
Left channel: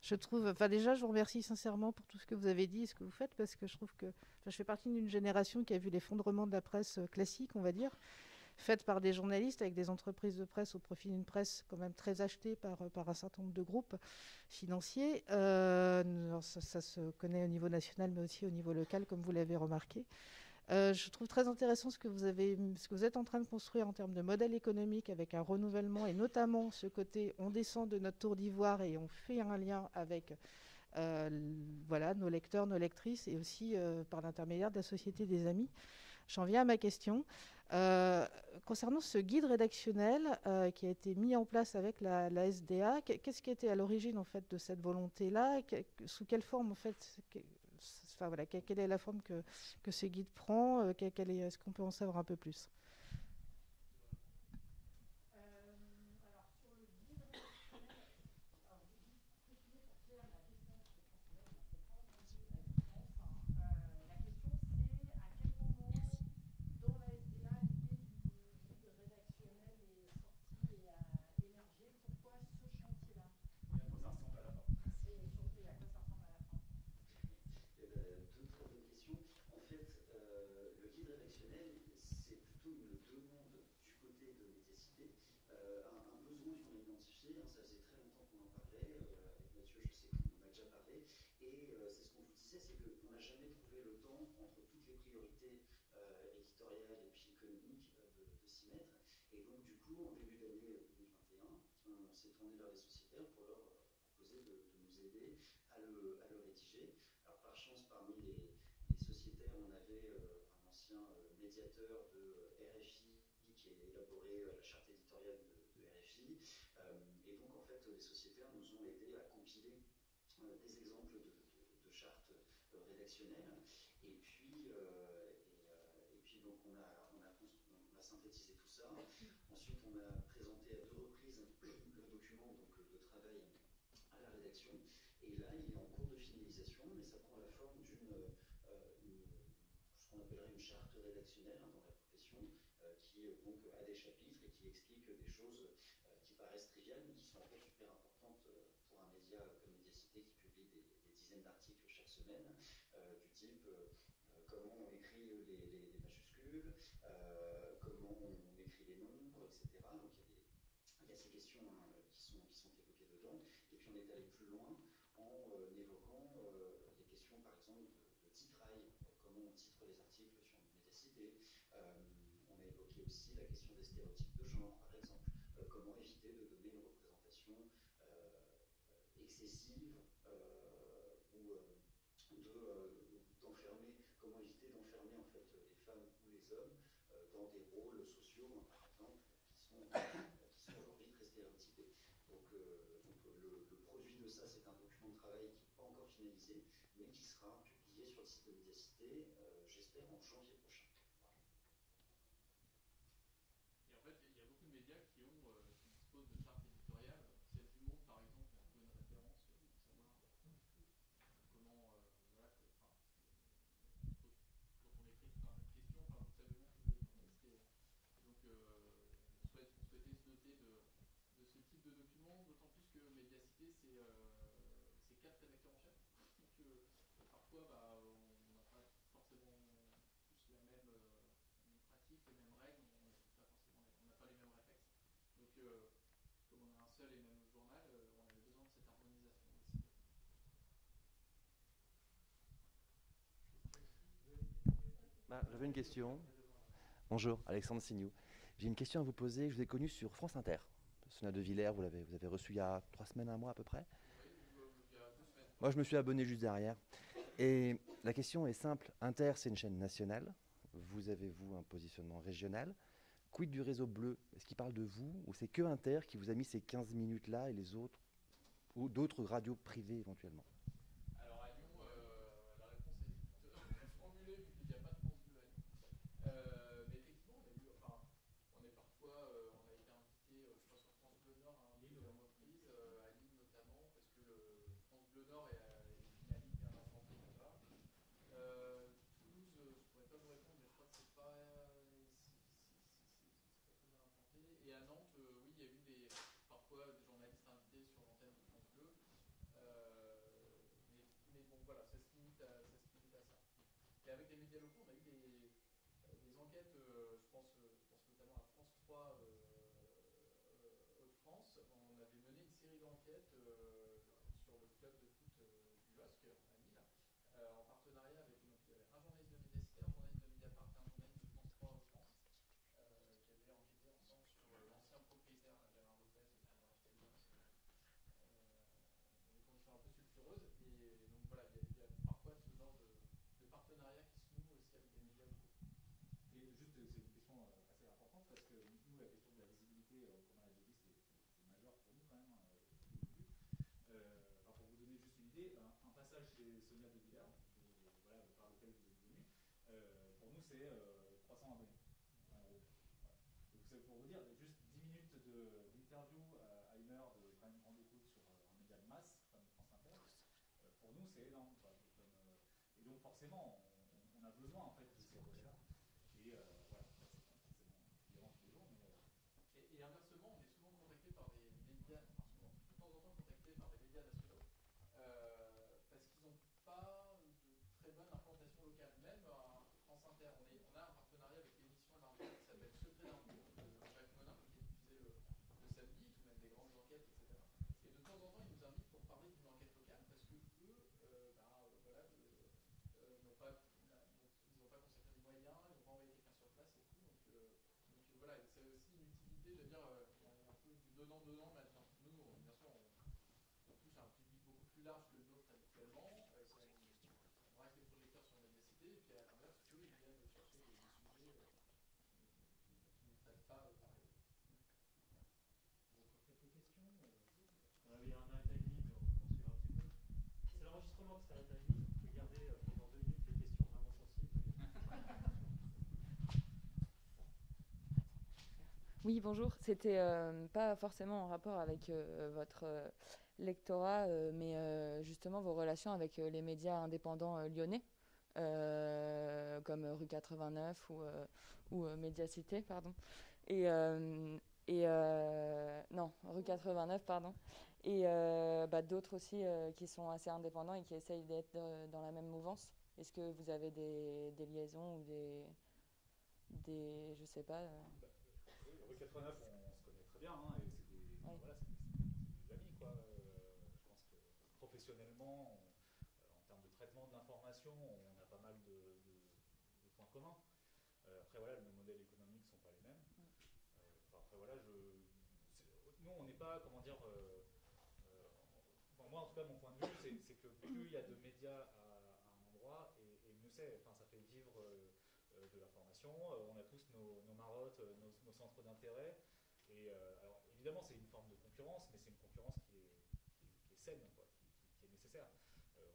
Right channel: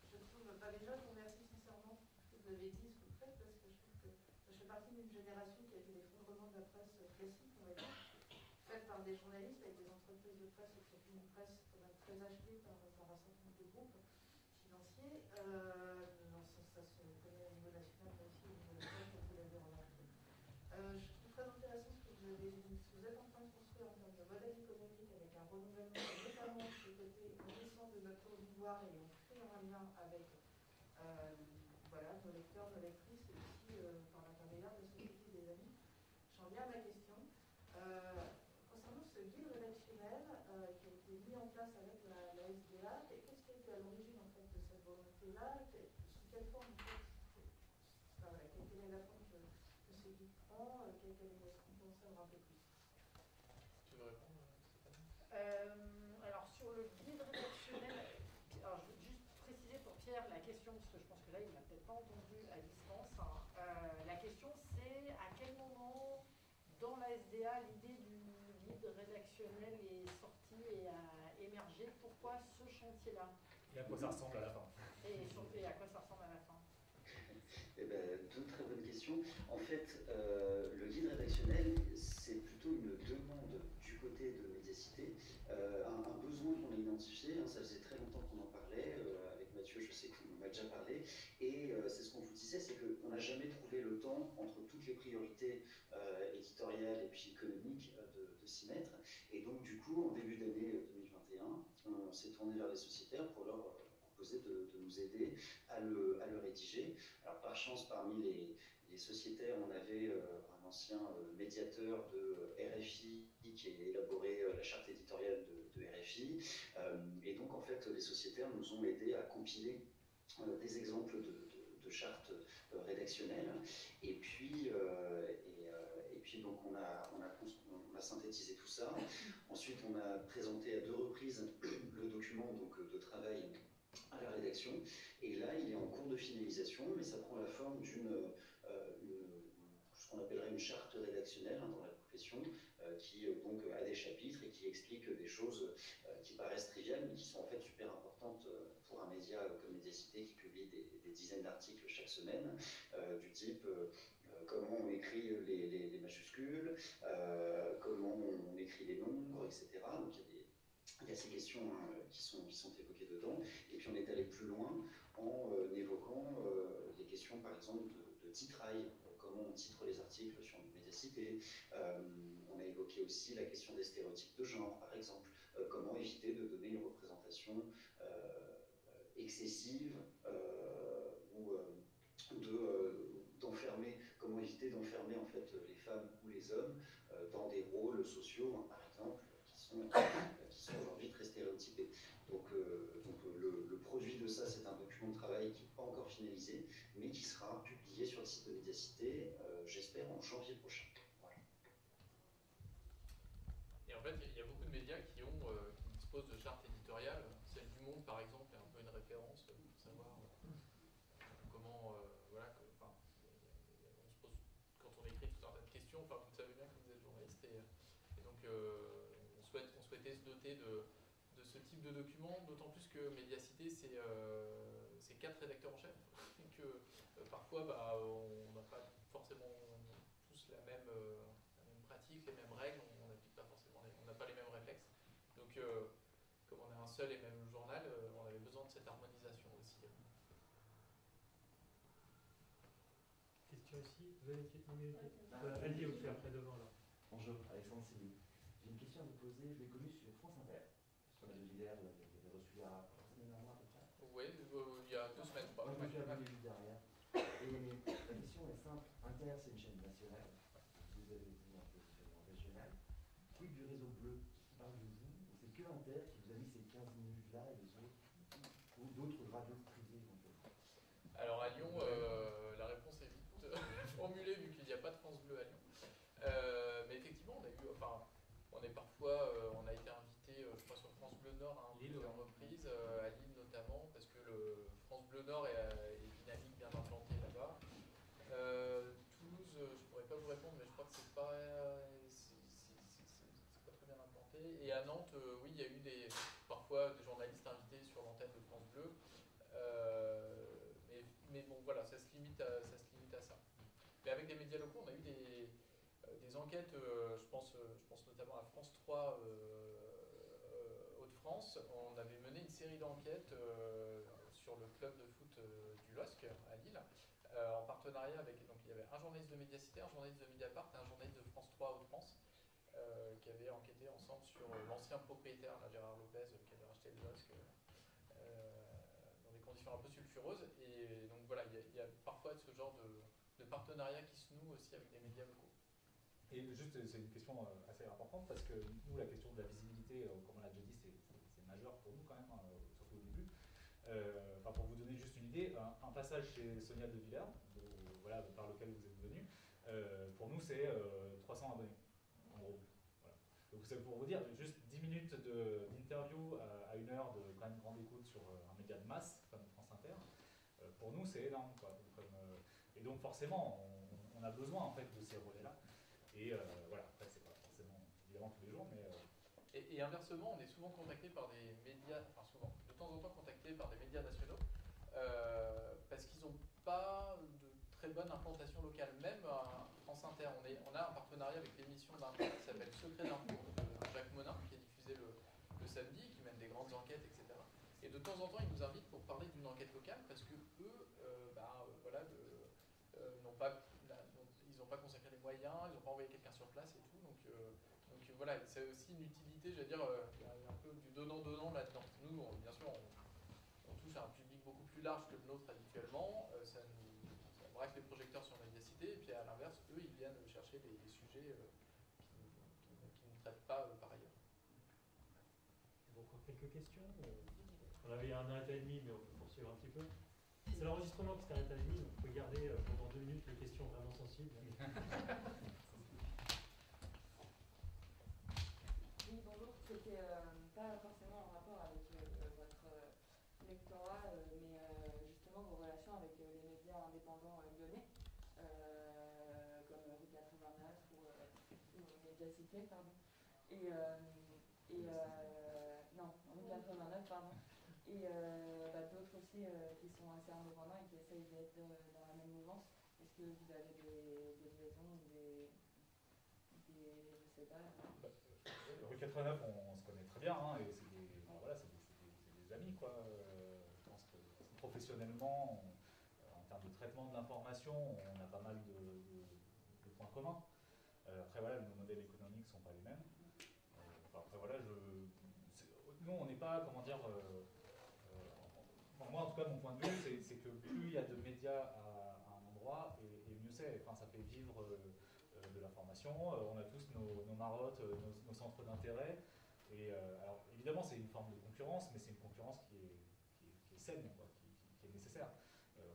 Je trouve, déjà, je vous remercie sincèrement pour tout ce que vous avez dit et ce que vous faites, parce que je trouve que je fais partie d'une génération qui a vu l'effondrement de la presse classique, on va dire, faite par des journalistes avec des entreprises de presse au profit d'une presse quand même très achetée par un certain nombre de groupes financiers. Ça se connaît au niveau national, mais aussi au niveau local, comme vous l'avez remarqué. Je trouve très intéressant ce que vous êtes en train de construire en termes de modèle économique, avec un renouvellement, et notamment ce côté, on descend de notre tour d'ivoire et on fait un lien avec nos lecteurs, nos lectrices, et aussi par l'intermédiaire de la Société des Amis. J'en viens à ma question. Concernant ce guide rédactionnel qui a été mis en place avec la SDA, qu'est-ce qui était à l'origine en fait de cette volonté-là? Sous quelle forme en fait quelle est la forme que ce guide prend? Est-ce qu'on peut en savoir un peu plus? Tu veux répondre? Alors sur le guide rédactionnel, alors je vais juste préciser pour Pierre la question, parce que je pense que là il n'a peut-être pas entendu à distance. La question c'est à quel moment dans la SDA l'idée du guide rédactionnel est sortie et a émergé? Pourquoi ce chantier-là? Et à quoi ça ressemble à la fin? Et surtout, à quoi ça ressemble à la fin? Deux très bonnes questions. En fait, le guide rédactionnel, c'est plutôt une demande du côté de Médiacité, un besoin qu'on a identifié. Ça faisait très longtemps qu'on en parlait. Avec Mathieu, je sais qu'on en a déjà parlé. Et c'est ce qu'on vous disait, c'est qu'on n'a jamais trouvé le temps, entre toutes les priorités éditoriales et puis économiques, de s'y mettre. Et donc, du coup, en début d'année 2021, on s'est tourné vers les sociétaires pour leur proposer de nous aider à le rédiger. Alors, par chance, parmi les sociétaires, on avait un ancien médiateur de RFI qui a élaboré la charte éditoriale de RFI. Et donc, en fait, les sociétaires nous ont aidés à compiler des exemples de chartes rédactionnelles. Et puis donc, on a synthétisé tout ça. Ensuite, on a présenté à 2 reprises le document de travail à la rédaction. Et là, il est en cours de finalisation, mais ça prend la forme ce qu'on appellerait une charte rédactionnelle dans la profession, qui donc a des chapitres et qui explique des choses qui paraissent triviales, mais qui sont en fait super importantes pour un média comme Médiacité qui publie des dizaines d'articles chaque semaine, du type comment on écrit les majuscules, comment on écrit les nombres, etc. Donc il y a ces questions qui sont évoquées dedans. Et puis on est allé plus loin en évoquant des questions, par exemple, de titrail, comment on titre les articles sur Médiacité. On a évoqué aussi la question des stéréotypes de genre, par exemple. Comment éviter de donner une représentation excessive ou d'enfermer, comment éviter d'enfermer en fait les femmes ou les hommes dans des rôles sociaux, par exemple, qui sont aujourd'hui très stéréotypés. Donc le produit de ça, c'est un document de travail qui n'est pas encore finalisé, mais qui sera publié sur le site de Médiacité, j'espère, en janvier prochain. Voilà. Et en fait, il y a beaucoup de médias qui disposent de chartes éditoriales. Celle du Monde, par exemple, est un peu une référence pour savoir comment, on se pose, quand on écrit tout un tas de questions, question, enfin vous savez bien que vous êtes journaliste, et donc on souhaitait se doter de ce type de document, d'autant plus que Médiacité c'est 4 rédacteurs en chef, et que parfois on n'a pas forcément tous la même pratique, les mêmes règles, on n'applique pas forcément, on n'a pas les mêmes réflexes. Donc comme on a un seul et même journal, on avait besoin de cette harmonisation aussi. Question ici, vous avez une question. Bonjour, Alexandre Signou. J'ai une question à vous poser. Je vous ai connu sur France Inter. Sonia De Villers, vous avez reçu il y a 3 semaines, 1 mois à peu près. Oui, il y a 2 semaines. Moi, je me suis abonné juste derrière. Et la question est simple. Inter, c'est une chaîne nationale. Vous avez, vous, un positionnement régional. Quid du réseau bleu? Est-ce qu'il parle de vous ou c'est que Inter qui vous a mis ces 15 minutes-là et les autres, ou d'autres radios privées éventuellement? Alors à Lyon, la réponse est vite formulée vu qu'il n'y a pas de France Bleu à Lyon. Mais effectivement, on a eu, enfin, on est parfois, on a été invité, je crois sur France Bleu Nord, plusieurs reprises, à Lille notamment, parce que le France Bleu Nord est dynamique, bien implanté là-bas. Toulouse, je ne pourrais pas vous répondre, mais je crois que c'est pas très bien implanté. Et à Nantes, oui, il y a eu parfois des journalistes invités sur l'antenne de France Bleu. Mais bon, voilà, ça se limite à ça. Mais avec les médias locaux, on a eu des enquêtes, je pense notamment à France 3 Hauts-de-France. On avait mené une série d'enquêtes sur le club de foot du LOSC à Lille, en partenariat avec, donc il y avait un journaliste de Médiacité, un journaliste de Mediapart et un journaliste de France 3 Hauts-de-France qui avaient enquêté ensemble sur l'ancien propriétaire, là, Gérard Lopez, qui avait racheté le LOSC dans des conditions un peu sulfureuses. Et donc voilà, il y a parfois ce genre de partenariat qui se noue aussi avec des médias locaux. Et juste, c'est une question assez importante parce que nous, la question de la visibilité, comme on l'a déjà dit, c'est majeur pour nous quand même, surtout au début. Pour vous donner juste une idée, un passage chez Sonia De Villers, voilà, par lequel vous êtes venu, pour nous c'est 300 abonnés, en gros. Voilà. Donc c'est pour vous dire, juste 10 minutes d'interview à 1 heure de quand même grande écoute sur un média de masse comme France Inter, pour nous c'est énorme, quoi. Et donc forcément, on a besoin en fait de ces relais-là. Et voilà, c'est pas forcément évidemment tous les jours, mais... Et inversement, on est souvent contacté par des médias, enfin souvent, de temps en temps contacté par des médias nationaux, parce qu'ils n'ont pas de très bonne implantation locale. Même à France Inter, on a un partenariat avec l'émission d'info qui s'appelle Secret d'info, de Jacques Monin, qui est diffusé le samedi, qui mène des grandes enquêtes, etc. Et de temps en temps, ils nous invitent pour parler d'une enquête locale, parce que eux, voilà, ils n'ont pas consacré les moyens, ils n'ont pas envoyé quelqu'un sur place et tout. Donc voilà, c'est aussi une utilité, j'allais dire, il y a un peu du donnant-donnant là-dedans. Nous, bien sûr, on touche à un public beaucoup plus large que le nôtre habituellement, ça braque les projecteurs sur Médiacité, et puis à l'inverse, eux, ils viennent chercher des sujets qui ne traitent pas par ailleurs. Encore quelques questions. On avait un arrêt à demi, mais on peut poursuivre un petit peu. C'est l'enregistrement qui s'arrête à demi. Vous pouvez garder pendant 2 minutes les questions vraiment sensibles. Oui, bonjour. C'était pas forcément en rapport avec votre lectorat, mais justement vos relations avec les médias indépendants lyonnais, comme Rue 89 ou Médiacité, pardon. Non, Rue 89, pardon. Et d'autres aussi qui sont assez indépendants et qui essayent d'être dans la même mouvance. Est-ce que vous avez des liaisons ou des je sais pas Rue 89, on se connaît très bien, hein, et c'est des amis, quoi. Je pense que professionnellement, en termes de traitement de l'information, on a pas mal de points communs. Après, voilà, nos modèles économiques ne sont pas les mêmes. Après, voilà, nous, on n'est pas, comment dire... moi, en tout cas, mon point de vue, c'est que plus il y a de médias à un endroit, et mieux c'est. Enfin, ça fait vivre de l'information. On a tous nos marottes, nos centres d'intérêt. Et alors, évidemment, c'est une forme de concurrence, mais c'est une concurrence qui est saine, quoi, qui est nécessaire.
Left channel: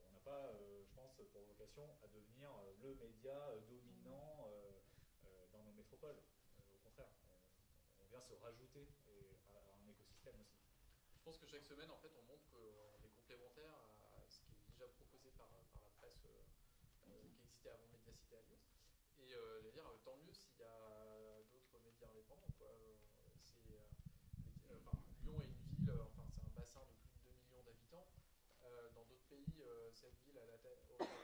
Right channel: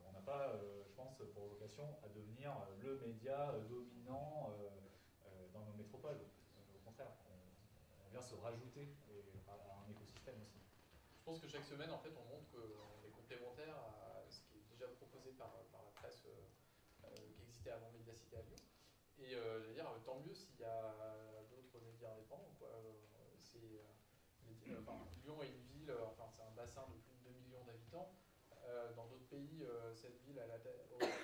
On n'a pas, je pense, pour vocation à devenir le média dominant dans nos métropoles. Au contraire, on vient se rajouter à un écosystème aussi. Je pense que chaque semaine, en fait, on montre qu'on est complémentaire à ce qui est déjà proposé par la presse qui existait avant Médiacité à Lyon. Et j'allais dire, tant mieux s'il y a d'autres médias indépendants, quoi. Lyon est une ville, enfin c'est un bassin de plus de 2 millions d'habitants. Dans d'autres pays, cette ville a la taille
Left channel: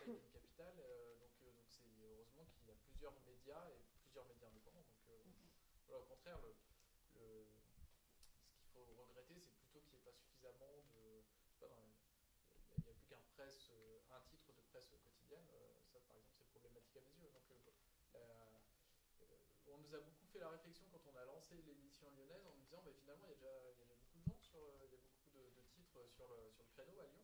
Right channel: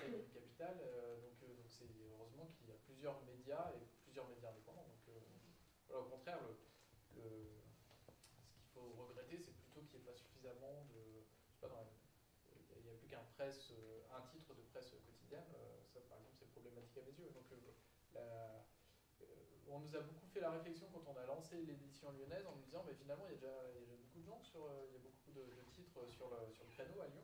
d'une capitale, donc c'est heureusement qu'il y a plusieurs médias et plusieurs médias indépendants. Donc voilà, au contraire, ce qu'il faut regretter, c'est plutôt qu'il n'y ait pas suffisamment de, je sais pas, il n'y a plus qu'un un titre de presse quotidienne. Ça, par exemple, c'est problématique à mes yeux. Donc on nous a beaucoup fait la réflexion quand on a lancé l'édition lyonnaise en nous disant mais finalement il y a déjà beaucoup de gens il y a beaucoup de titres sur le créneau à Lyon.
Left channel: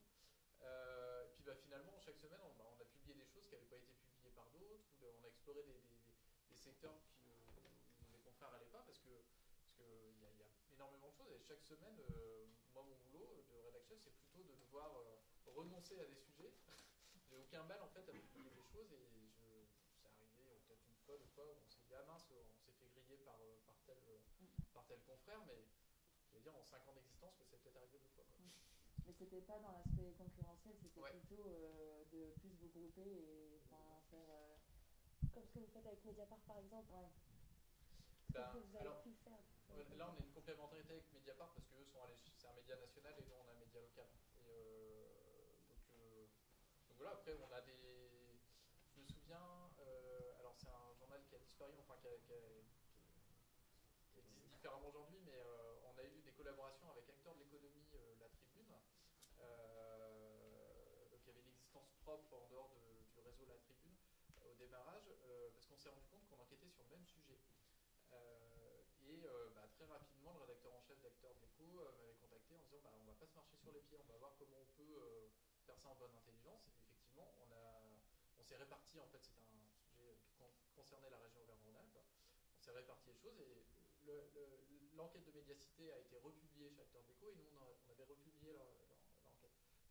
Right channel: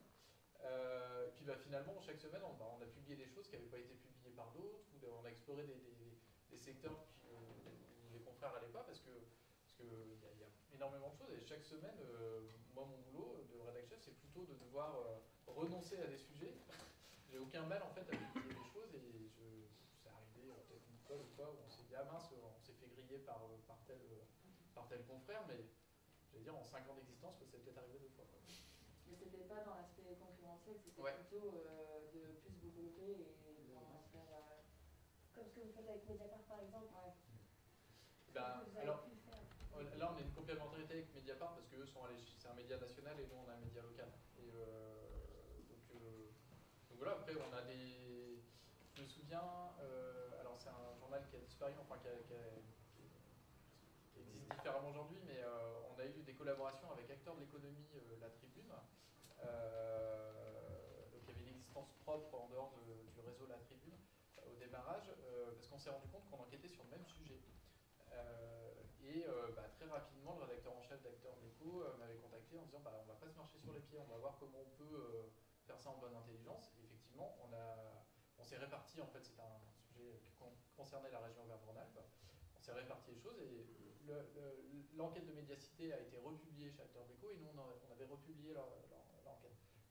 Puis finalement chaque semaine on a publié des choses qui n'avaient pas été publiées par d'autres, ou on a exploré des secteurs où les confrères n'allaient pas parce que il y a énormément de choses et chaque semaine moi mon boulot de rédacteur c'est plutôt de devoir renoncer à des sujets. J'ai aucun mal en fait à publier des choses et c'est arrivé peut-être une fois ou quoi où on s'est dit ah mince on s'est fait griller par tel confrère, mais je veux dire en 5 ans d'existence c'est peut-être arrivé 2 fois. Mais c'était pas dans l'aspect concurrentiel, c'était plutôt de plus vous grouper et d'en faire... Comme ce que vous faites avec Mediapart par exemple. Alors, là on a une complémentarité avec Mediapart parce qu'eux c'est un média national et nous on a un média local. Et donc voilà, après on a des... Je me souviens, alors c'est un journal qui a disparu, enfin qui existe différemment aujourd'hui, mais on a eu des collaborations avec acteurs de l'économie, La Tribune. Donc il y avait une existence propre en dehors du réseau La Tribune au démarrage, parce qu'on s'est rendu compte qu'on enquêtait sur le même sujet. Très rapidement, le rédacteur en chef d'Acteurs d'Écho m'avait contacté en disant on va pas se marcher sur les pieds, on va voir comment on peut faire ça en bonne intelligence. Et effectivement, on s'est réparti, en fait c'était un sujet qui concernait la région Auvergne-Rhône-Alpes, on s'est réparti les choses et l'enquête de médiacité a été republiée chez Acteurs d'Écho et nous on avait republié l'enquête.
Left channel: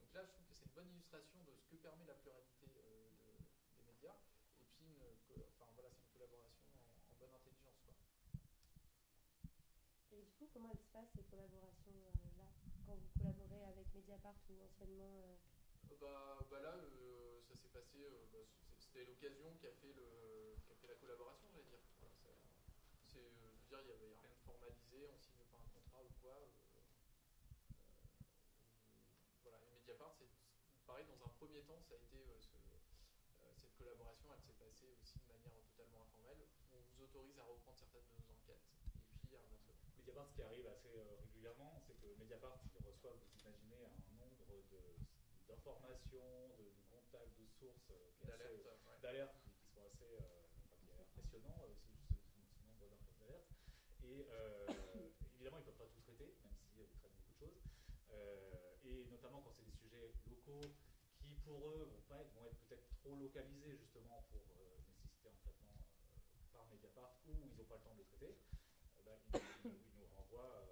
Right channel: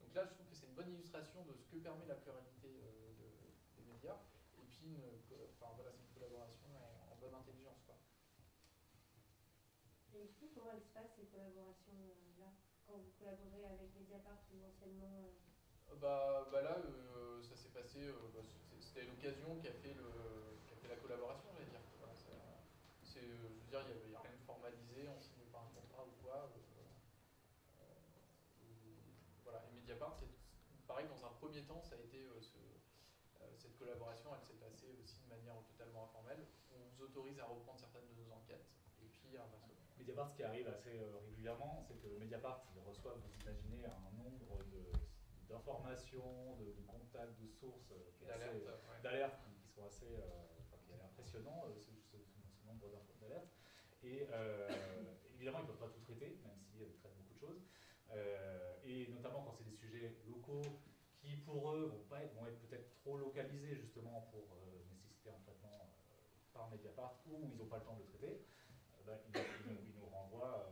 Donc là je trouve que c'est une bonne illustration de ce que permet la pluralité des médias et puis c'est une collaboration en bonne intelligence, quoi. Et du coup, comment elles se passent ces collaborations-là quand vous collaborez avec Mediapart ou anciennement là, ça s'est passé, c'était l'occasion qui a fait la collaboration, j'allais dire. Je veux dire, il n'y a rien de formalisé, on ne signe pas un contrat ou quoi. Voilà. Et Mediapart, pareil, dans un premier temps, ça a été cette collaboration, elle s'est passée aussi de manière totalement informelle. On vous autorise à reprendre certaines de nos enquêtes, et puis inversement. Mediapart, ce qui arrive assez régulièrement, c'est que Mediapart reçoit, vous imaginez, un nombre d'informations, de contacts, de sources, d'alertes qui sont assez impressionnants, ce nombre d'alertes. Et évidemment, ils ne peuvent pas tout traiter, même s'ils traitent beaucoup de choses. Et notamment quand c'est des sujets locaux qui, pour eux, vont être peut-être trop localisés, justement, pour nécessiter un traitement par Mediapart, ou ils n'ont pas le temps de le traiter. Ils nous renvoient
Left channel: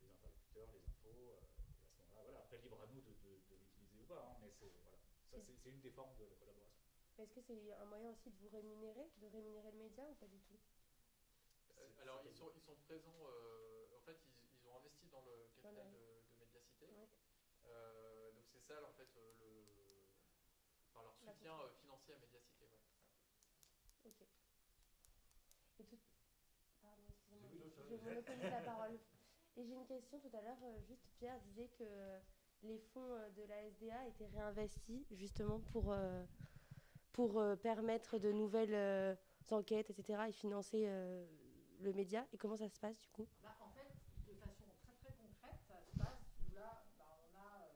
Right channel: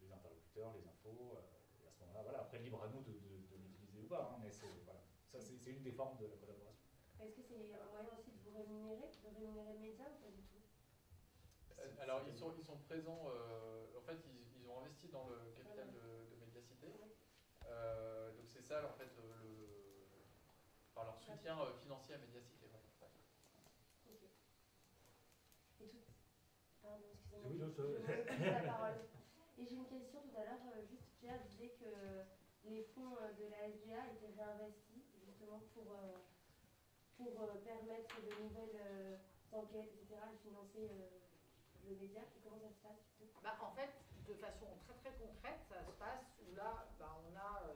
les interlocuteurs, les infos, et à ce moment-là, voilà, après libre à nous de l'utiliser ou pas, mais c'est une des formes de la collaboration. Est-ce que c'est un moyen aussi de vous rémunérer, de rémunérer le média ou pas du tout? Alors ils sont présents, en fait ils ont investi dans le capital de Médiacité, donc c'est ça en fait leur soutien financier à Médiacité. Ok. Et tout... Pardon, excusez-moi. Oui, je la parole. Et j'ai une question tout à l'heure, juste Pierre disait que les fonds de la SDA étaient réinvestis justement pour permettre de nouvelles enquêtes, etc. et financer le média. Et comment ça se passe du coup? En fait, de façon très très concrète, ça se passe où là, on a les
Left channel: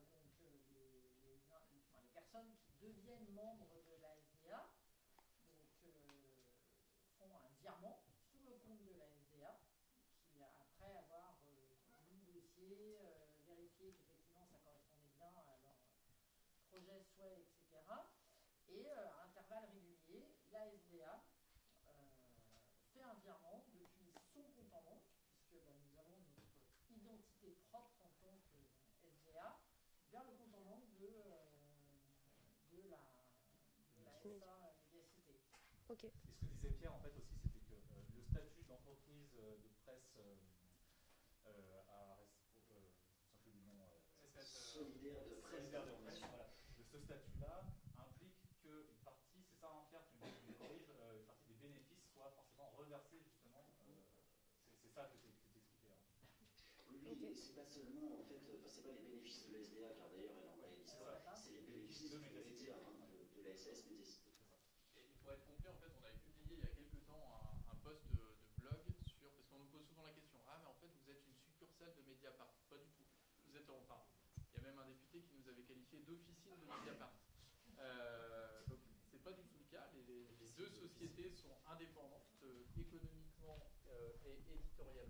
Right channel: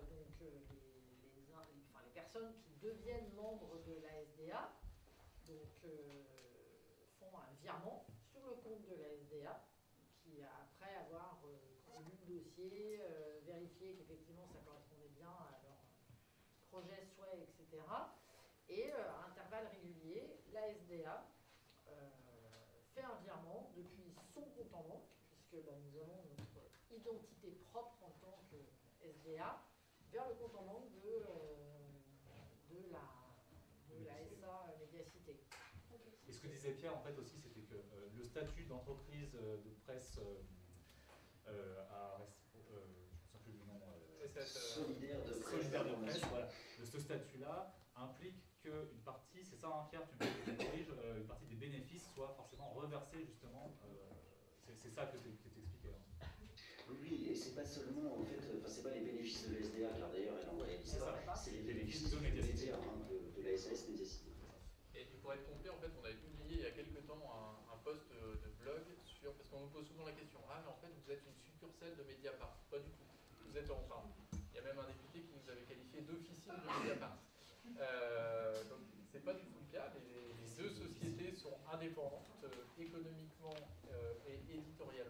personnes qui deviennent membres de la SDA, donc font un virement sur le compte de la SDA, qui après avoir lu le dossier, vérifié qu'effectivement ça correspondait bien à leur projet, souhait, etc. Et à intervalles réguliers, la SDA fait un virement depuis son compte en banque, puisque nous avons notre identité propre en tant que SDA, vers le compte en banque de la SA Médiacité. Okay. Et ce que disait Pierre en fait aussi, c'était que le statut d'entreprise de presse je ne sais plus le nom, solidaire de presse, voilà. Ce statut-là implique qu'une partie, c'est ça Pierre, tu me corriges, une partie des bénéfices soient forcément reversés justement. C'est ça que tu expliquais. Hein. Oui, et c'est pas seulement, en fait, c'est pas les bénéfices de l'SDA, car d'ailleurs elle en réalise pas, c'est les bénéfices de médias, de la SAS Médiacité. Et pour être complet, en fait, on avait publié il y a quelques temps un post de blog sur, parce qu'on nous pose souvent la question, ah mais en fait vous êtes une succursale de Mediapart. Pas du tout. Vous êtes enfin, il y a même un député qui nous avait qualifié d'officine de Mediapart. Donc c'est pas du tout le cas. Les deux sociétés sont indépendantes économiquement et éditorialement.